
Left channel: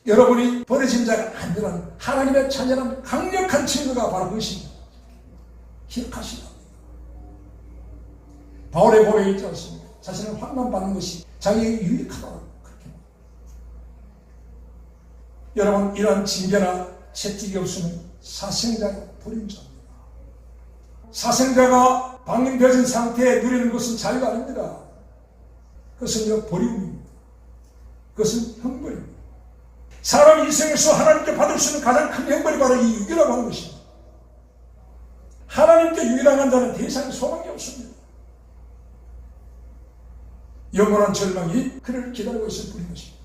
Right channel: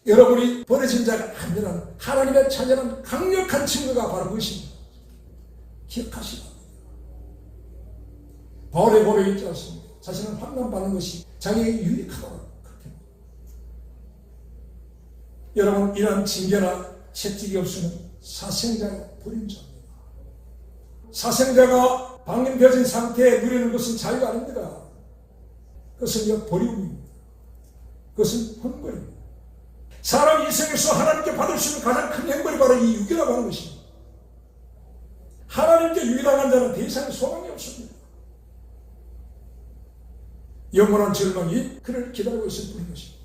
여러분이 버려진 자가 아니란 하나님의 자녀는 강력한 친구가 바로 그것입니다. 기억하시라. 바울의 고백에 있지 않습니까? 자신을 환난받는 것이 자기에게 유익하다고 그렇게 합니다. 여러분, 이러한 징계나 채찍이 없으면 사생자가 버린 자입니다. 사생자가 방임되어진 상태에 누리는 것은 자유가 아닙니다. 그것은 버림입니다. 그것은 형벌입니다. 사람이 이 세상에서 하나님께 받을 수 있는 가장 큰 형벌이 바로 이 유기라고 하는 것입니다. 하나님께 유기당한 자는 대상에 소망이 없습니다. 영원한 절망이 그를 기다리고 있을 뿐인 것입니다.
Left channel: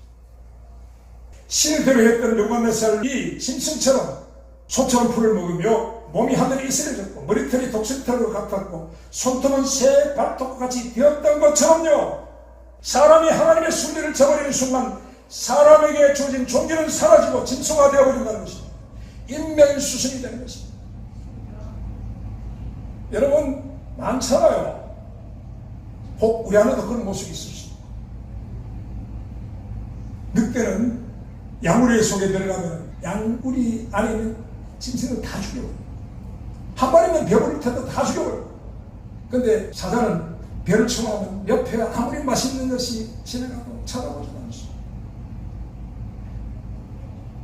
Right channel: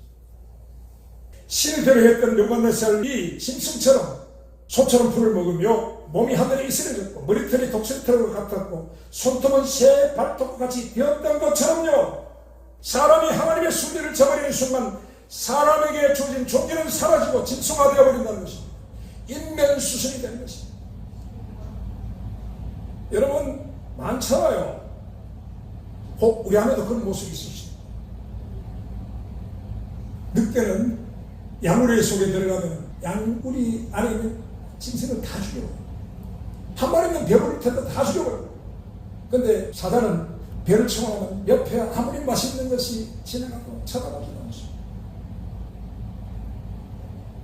신을 대로했던 요한네살이 짐승처럼 소처럼 풀을 먹으며 몸이 하늘에 이슬해졌고 머리털이 독수리털과 같았고 손톱은 새 발톱과 같이 되었던 것처럼요, 사람이 하나님의 순리를 저버리는 순간 사람에게 주어진 존귀는 사라지고 짐승화되어 버린다는 것입니다. 인면수순이 되는 것입니다. 여러분, 많잖아요. 혹 우리 안에도 그런 모습이 있으시죠. 늑대는 양우리 속에 들어가면 양우리 안에 있는 짐승을 다 죽여버려요. 한 마리면 배부를 텐데 다 죽여버려요. 근데 사자는 배를 청하면 옆에 아무리 맛있는 것이 지나가도 쳐다보지 않습니다.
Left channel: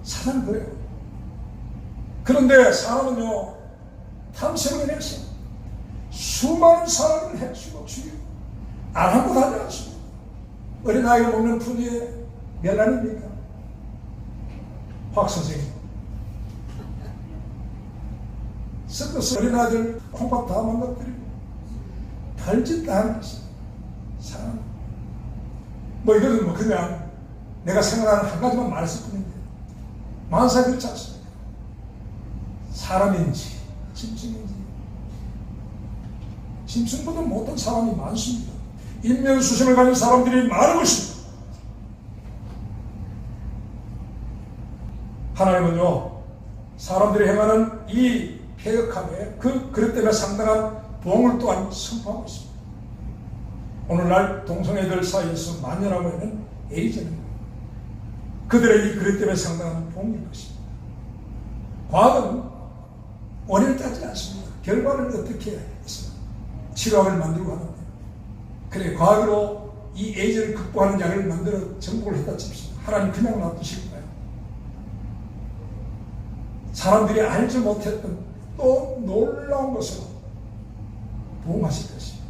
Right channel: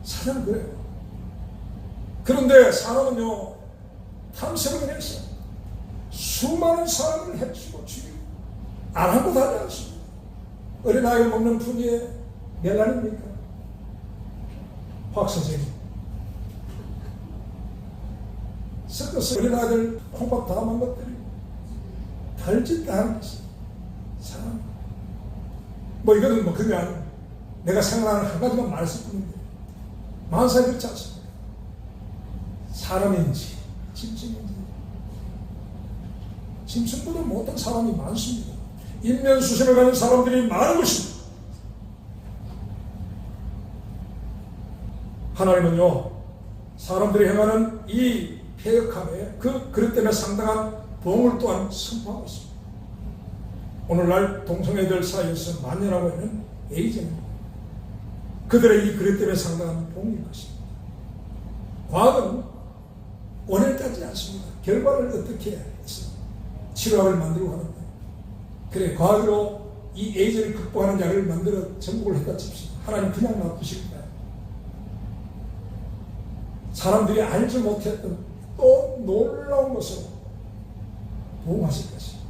사자는 그래요. 그런데 사람은요, 탐색을 해서 수많은 사람을 해치고 죽이고 안 하고 다지 않습니다. 어린아이가 먹는 푸니에 몇 알입니까? 박 선생님. 섞어서 어린아이들 콩밥 다 망가뜨리고 달짓 다 하는 것입니다. 사람. 이거는 그냥 내가 생각하는 한 가지만 말했을 뿐인데, 만사에 그렇지 않습니까? 사람인지 짐승인지, 짐승보다 못한 사람이 많습니다. 인면수심을 가진 사람들이 많은 것입니다. 하나님은요, 사람들이 행하는 이 폐역함에 그것 때문에 상당한 보응을 또한 선포하고 있습니다. 오늘날 동성애들 사이에서 만연하고 있는 에이즈는 그들의 이 그것 때문에 상당한 보응인 것입니다. 과학은 원인을 따지지 않습니다. 결과는 어떻게 있습니다. 치료약을 만들고 하는데, 그래 과학으로 이 에이즈를 극복하는 약을 만들어 정복을 했다 칩시다. 하나님 그냥 놔두실까요? 사람들이 알지 못했던 또 놀라운 것으로 도움하실 것입니다.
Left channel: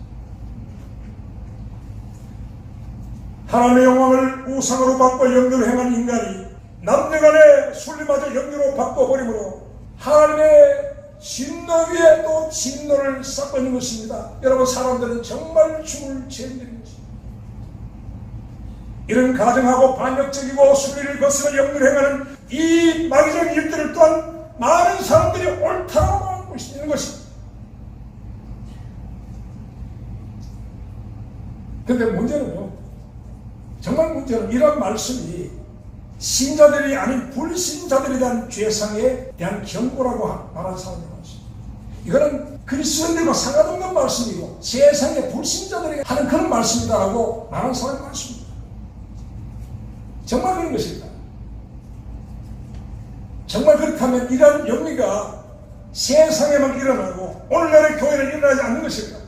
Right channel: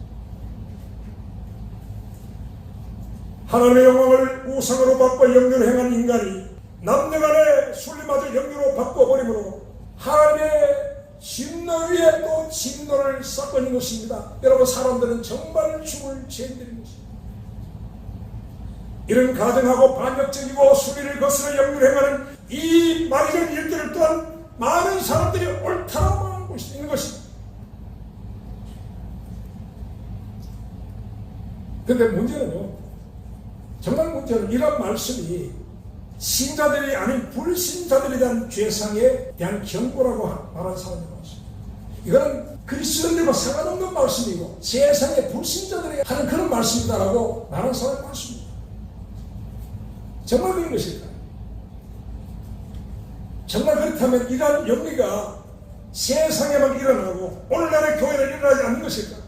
하나님의 영광을 우상으로 바꿔 영유로 행한 인간이 남녀간의 순리마저 영유로 바꿔버림으로 하나님의 진노 위에 또 진노를 쌓고 있는 것입니다. 여러분, 사람들은 정말 죽을 죄인들인 것입니다. 이런 가정하고 반역적이고 수비를 거스러 영유로 행하는 이 마귀적인 일들을 또한 많은 사람들이 옳다고 하고 있는 것입니다. 그런데 문제는요, 정말 문제는 이런 말씀이 신자들이 아닌 불신자들에 대한 죄상에 대한 경고라고 말하는 사람이 많습니다. 이거는 그리스도인들과 상관없는 말씀이고 세상의 불신자들에게 하는 그런 말씀이다라고 말하는 사람이 많습니다. 정말 그런 것일까요? 정말 그렇다면 이러한 영리가 세상에만 일어나고 오늘날의 교회는 일어나지 않는 것일까?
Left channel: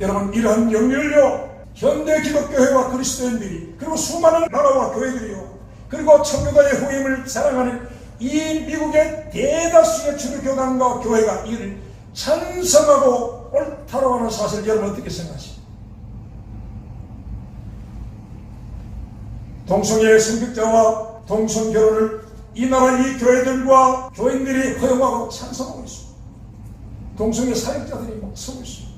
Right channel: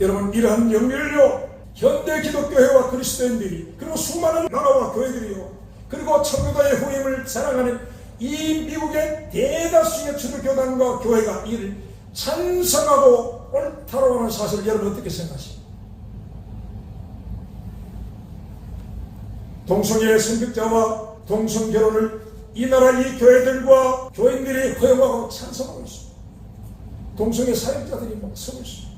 여러분, 이러한 영리를요, 현대 기독교회와 그리스도인들이, 그리고 수많은 나라와 교회들이요, 그리고 청교도의 후임을 자랑하는 이 미국의 대다수의 주교교단과 교회가 이를 찬성하고 옳다고 하는 사실을 여러분 어떻게 생각하십니까? 동성애 성직자와 동성결혼을 이 나라 이 교회들과 교인들이 허용하고 찬성하고 있습니다. 동성애 사역자들이 막 서고 있습니다.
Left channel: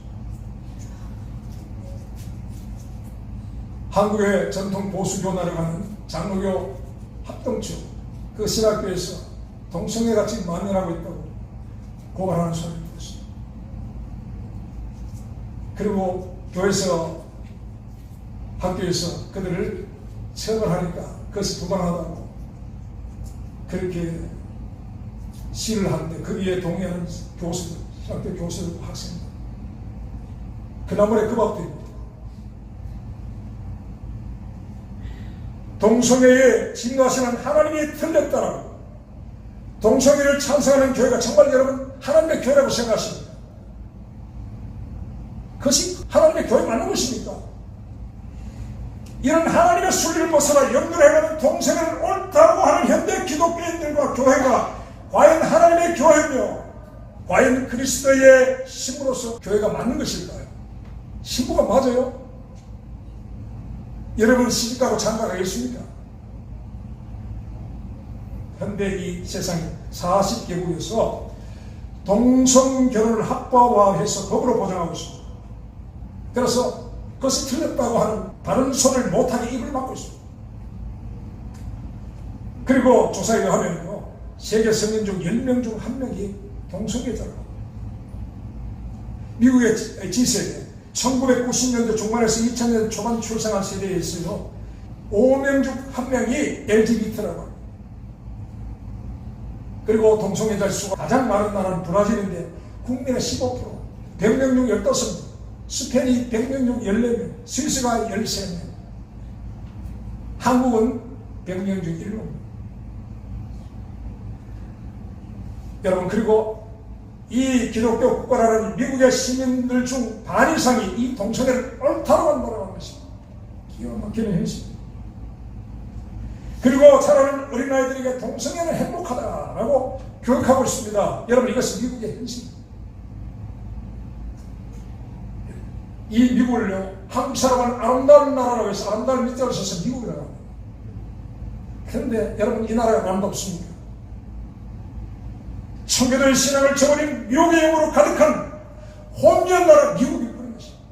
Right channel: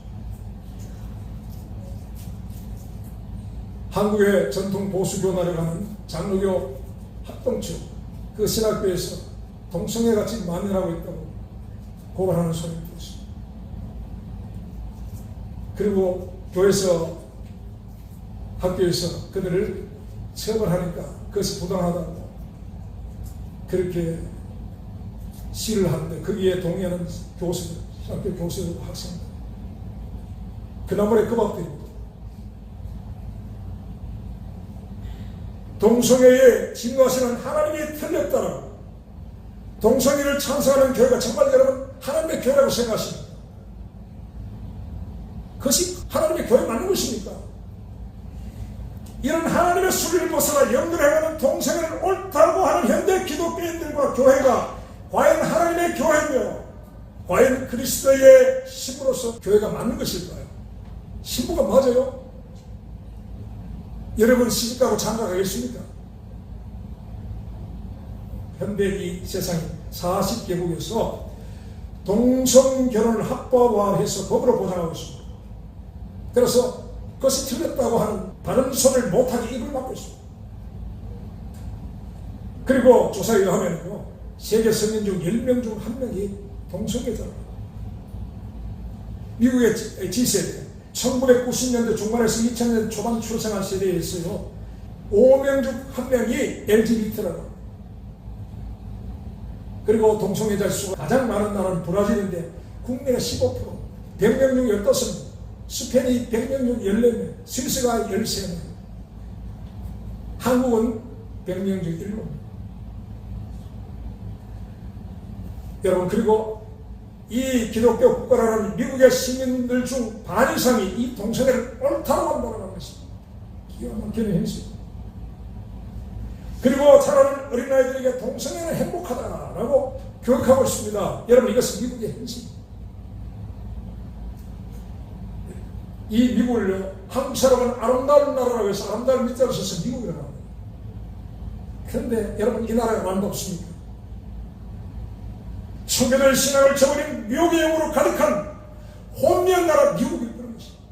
한국의 전통 보수교단에 가는 장로교 합동측 그 신학교에서 동성애가 지금 만연하고 있다고 고발하는 소리를 들었습니다. 그리고 교회에서 학교에서 그들을 처벌하니까 그것이 부당하다고 그렇게 시를 하는데 거기에 동의하는 교수들, 신학교 교수들, 학생들 그나물에 그 밥도 입니다. 동성애에 진노하시는 하나님이 틀렸다라고 동성애를 찬성하는 교회가 정말 여러분 하나님의 교회라고 생각하십니까? 그것이 하나님의 교회 맞는 것입니까? 이런 하나님의 순리를 벗어나 연결해가는 동성애를 옳다고 하는 현대 기독교인들과 교회가 과연 하나님의 교회며 과연 그리스도의 신부로서 교회가 맞는 것일까요? 신부가 맞아요? 여러분 시집가고 장가가겠습니까? 현대 이 세상 40개국에서 동성결혼을 합법화해서 법으로 보장하고 있습니다. 그래서 그것이 틀렸다고 하는 다른 소리를 못하게 입을 막고 있습니다. 그리고 조사에 의하면요, 세계 성인 중 10명 중 1명이 동성애자라고. 미국의 G세대 1990년대 중반에서 2000년대 초반 출생한 세대에 있어요. 5명 중 1명이 LGBT라고. 그리고 동성애자 수가 가장 많은 나라는 브라질인데 국민의 15%, 100명 중 15명, 스페인이 100명 중 14명, 스위스가 13명, 한국은 100명 중 1명. 여러분, 그리고 이 기독교 국가라는 미국의 시민들 중 반 이상이 이 동성애를 옳다고 한다는 것입니다. 기가 막히는 현실입니다. 그리고 자라는 어린아이들에게 동성애는 행복하다라고 교육하고 있습니다. 여러분, 이것은 미국의 현실입니다. 이 미국을요, 한국 사람은 아름다운 나라라고 해서 아름다운 밑자로 써서 미국이라고 합니다. 그런데 여러분, 이 나라가 아름답습니까? 청교도의 신앙을 저버린 미국의 영으로 가득한 혼미한 나라 미국이 그런 것입니다.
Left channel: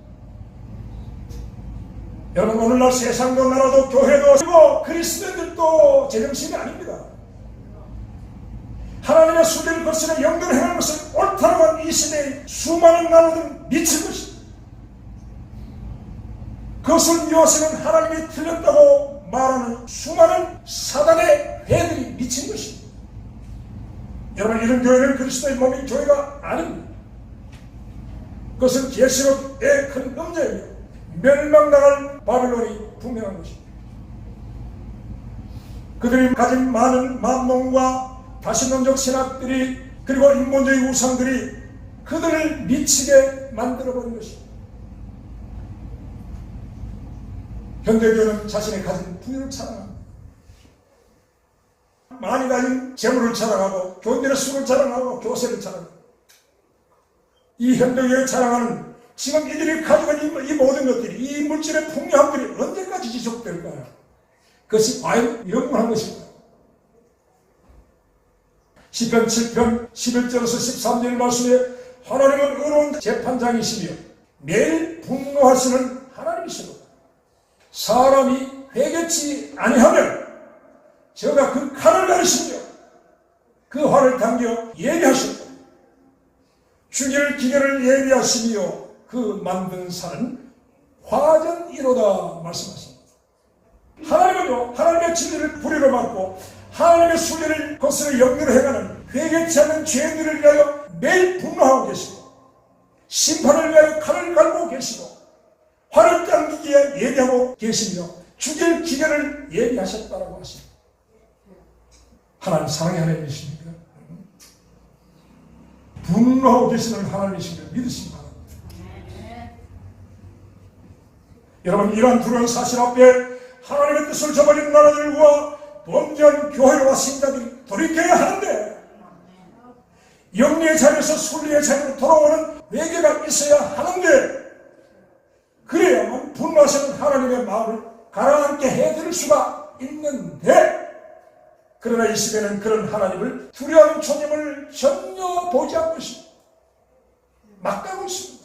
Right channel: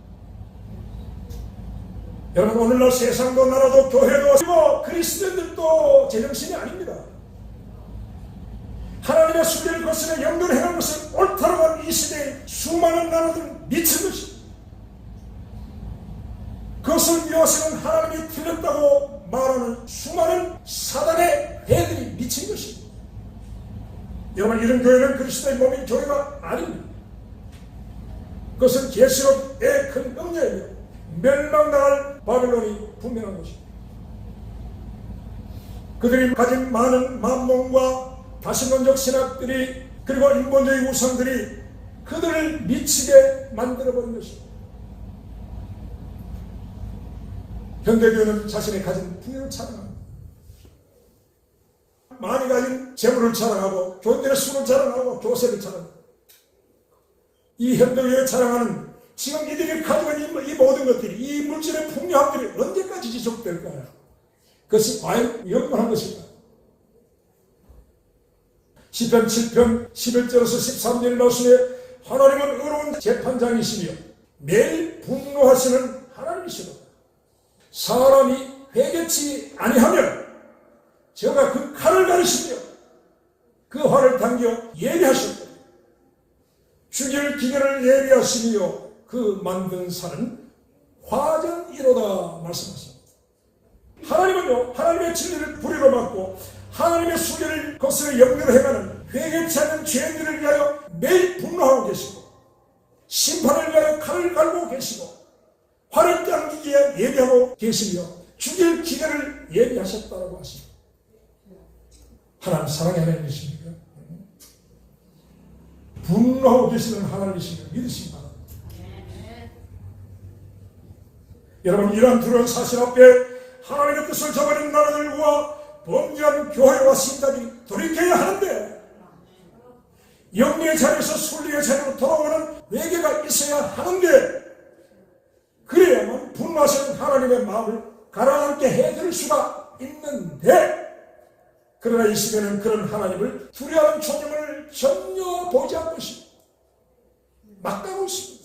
여러분, 오늘날 세상도 나라도 교회도 그리고 그리스도인들도 제정신이 아닙니다. 하나님의 순리를 거스는 영들을 행하는 것은 옳다고 하는 이 시대의 수많은 나라들은 미친 것입니다. 그것을 미워서는 하나님이 틀렸다고 말하는 수많은 사단의 해들이 미친 것입니다. 여러분, 이런 교회는 그리스도의 몸인 교회가 아닙니다. 그것은 계시록의 큰 음녀이며 멸망당할 바벨론이 분명한 것입니다. 그들이 가진 많은 만몽과 다신론적 신학들이 그리고 인본주의 우상들이 그들을 미치게 만들어버린 것입니다. 현대교회는 자신의 가진 부유를 자랑합니다. 많이 가진 재물을 자랑하고 교인들의 수를 자랑하고 교세를 자랑합니다. 이 현대교회에 자랑하는 지금 이들이 가지고 있는 이 모든 것들이 이 물질의 풍요함들이 언제까지 지속될까요? 그것이 과연 영원한 것일까요? 시편 7편 11절에서 13절 말씀에 하나님은 의로운 재판장이시며 매일 분노하시는 하나님이시다. 사람이 회개치 아니하면 저가 그 칼을 가리시며 그 활을 당겨 예비하시고 죽일 기계를 예비하시며 그 만든 산은 화전이로다 말씀하십니다. 하나님은요, 하나님의 진리를 불의로 막고 하나님의 순리를 거스를 영리로 행하는 회개치 않는 죄인들을 위하여 매일 분노하고 계시고 심판을 위하여 칼을 갈고 계시고 화를 당기기에 예비하고 계시며 죽일 기계를 예비하셨다라고 하십니다. 하나님 사랑의 하나님이십니까? 분노하고 계시는 하나님이십니까? 믿으시기 바랍니다. 여러분, 이러한 두려운 사실 앞에 하나님의 뜻을 저버린 나라들과 범죄한 교회와 신자들이 돌이켜야 하는데, 영리의 자리에서 순리의 자리로 돌아오는 회개가 있어야 하는데, 그래야만 분노하시는 하나님의 마음을 가라앉게 해드릴 수가 있는데, 그러나 이 시대는 그런 하나님을 두려워하는 초림을 전혀 보지 않고 있습니다. 막가고 있습니다.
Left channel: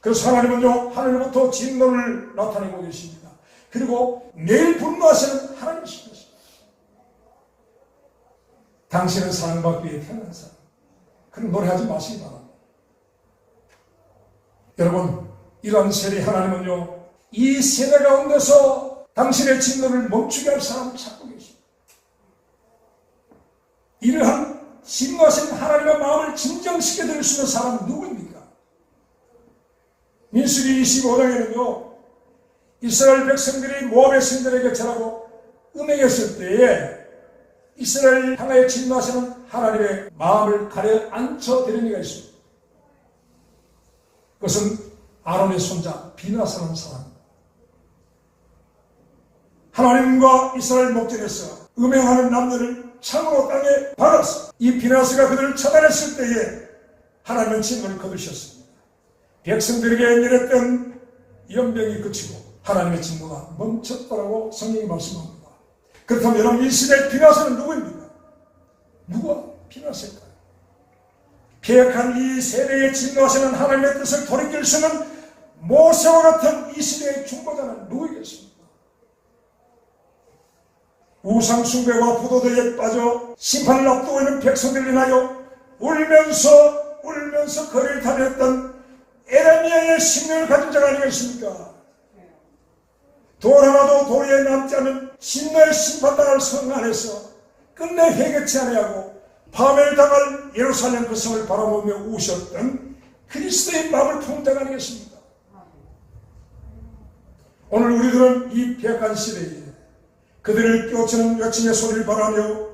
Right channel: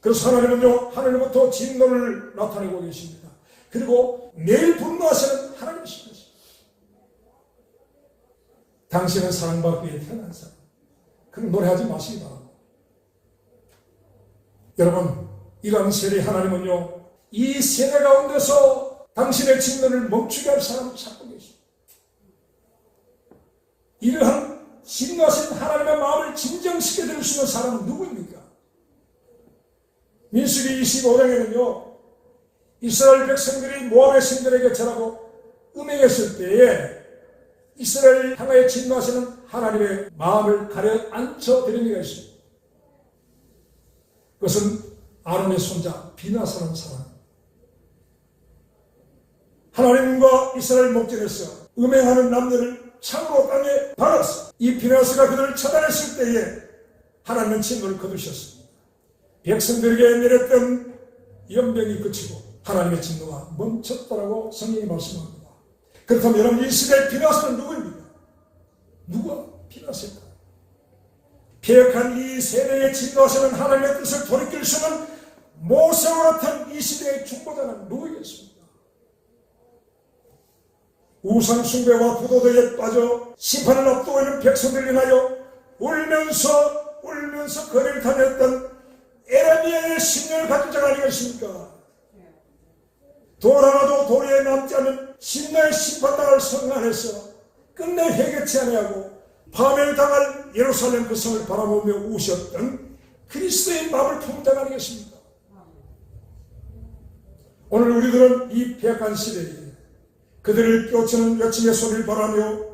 그래서 하나님은요, 하늘로부터 진노를 나타내고 계십니다. 그리고 매일 분노하시는 하나님이십니다. 당신은 사랑받기 위해 태어난 사람. 그럼 노래하지 마시기 바랍니다. 여러분, 이러한 세례 하나님은요, 이 세대 가운데서 당신의 진노를 멈추게 할 사람을 찾고 계십니다. 이러한 진노하신 하나님의 마음을 진정시켜 드릴 수 있는 사람은 누구입니까? 민수기 25장에는요, 이스라엘 백성들이 모압의 신들에게 절하고 음행했을 때에 이스라엘 향하여 진노하시는 하나님의 마음을 가려앉혀 드리는 이가 있습니다. 그것은 아론의 손자 비나사라는 사람입니다. 하나님과 이스라엘 목전에서 음행하는 남녀를 창으로 땅에 박았어. 이 비나스가 그들을 처단했을 때에 하나님은 진노를 거두셨습니다. 백성들에게 내렸던 연병이 그치고 하나님의 진노가 멈췄다라고 성경이 말씀합니다. 그렇다면 여러분, 이 시대의 비나스는 누구입니까? 누가 비나스일까요? 패역한 이 세대에 진노하시는 하나님의 뜻을 돌이킬 수 있는 모세와 같은 이 시대의 중보자는 누구이겠습니까? 우상 숭배와 부도덕에 빠져 심판을 앞두고 있는 백성들을 위하여 울면서 거리를 다녔던 에레미야의 심령을 가진 자가 아니겠습니까? 돌 하나도 도리에 남지 않은 진노의 심판당할 성 안에서 끝내 회개치 아니하고 파멸당할 예루살렘 그 성을 바라보며 우셨던 그리스도의 마음을 품은 자가 아니겠습니까? 오늘 우리들은 이 패역한 시대에 그들을 뼈치는 외침의 소리를 바라며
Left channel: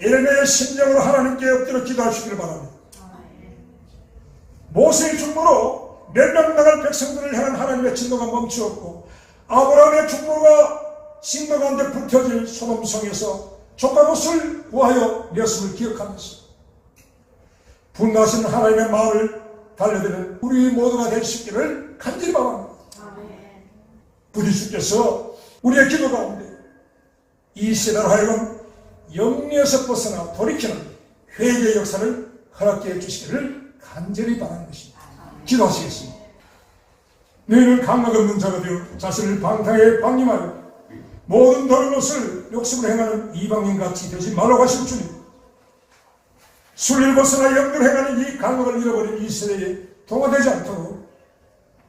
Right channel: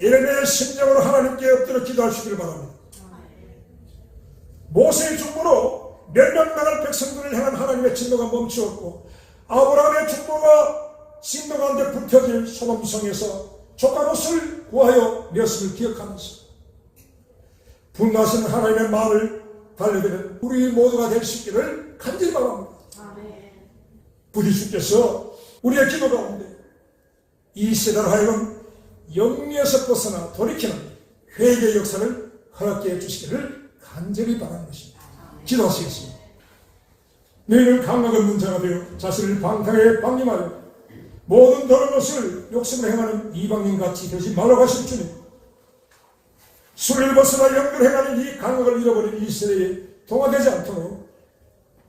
에레미야의 심정으로 하나님께 엎드려 기도하시기를 바랍니다. 모세의 중보로 멸망당할 백성들을 향한 하나님의 진노가 멈추었고, 아브라함의 중보가 진노 가운데 불켜진 소돔성에서 조카못을 구하여 냈음을 기억하면서 분노하시는 하나님의 마음을 달래드리는 우리 모두가 될 수 있기를 간절히 바랍니다. 부디 주께서 우리의 기도 가운데 이 세대로 하여금 영리에서 벗어나 돌이키는 회개의 역사를 허락해 주시기를 간절히 바라는 것입니다. 기도하시겠습니다. 너희는 감각 없는 자가 되어 자신을 방탕에 방임하여 모든 다른 것을 욕심으로 행하는 이방인같이 되지 말라고 하신 주님, 술을 벗어나 영으로 행하는 이 감각을 잃어버린 이 세대에 동화되지 않도록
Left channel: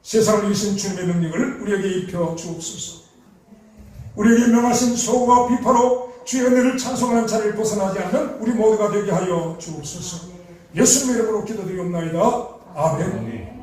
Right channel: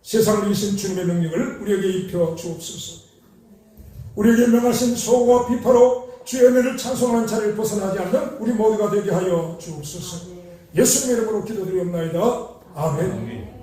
세상을 이기신 주님의 능력을 우리에게 입혀 주옵소서. 우리에게 명하신 소고와 비파로 주의 은혜를 찬송하는 자리를 벗어나지 않는 우리 모두가 되게 하여 주옵소서. 예수님의 이름으로 기도드리옵나이다. 아멘.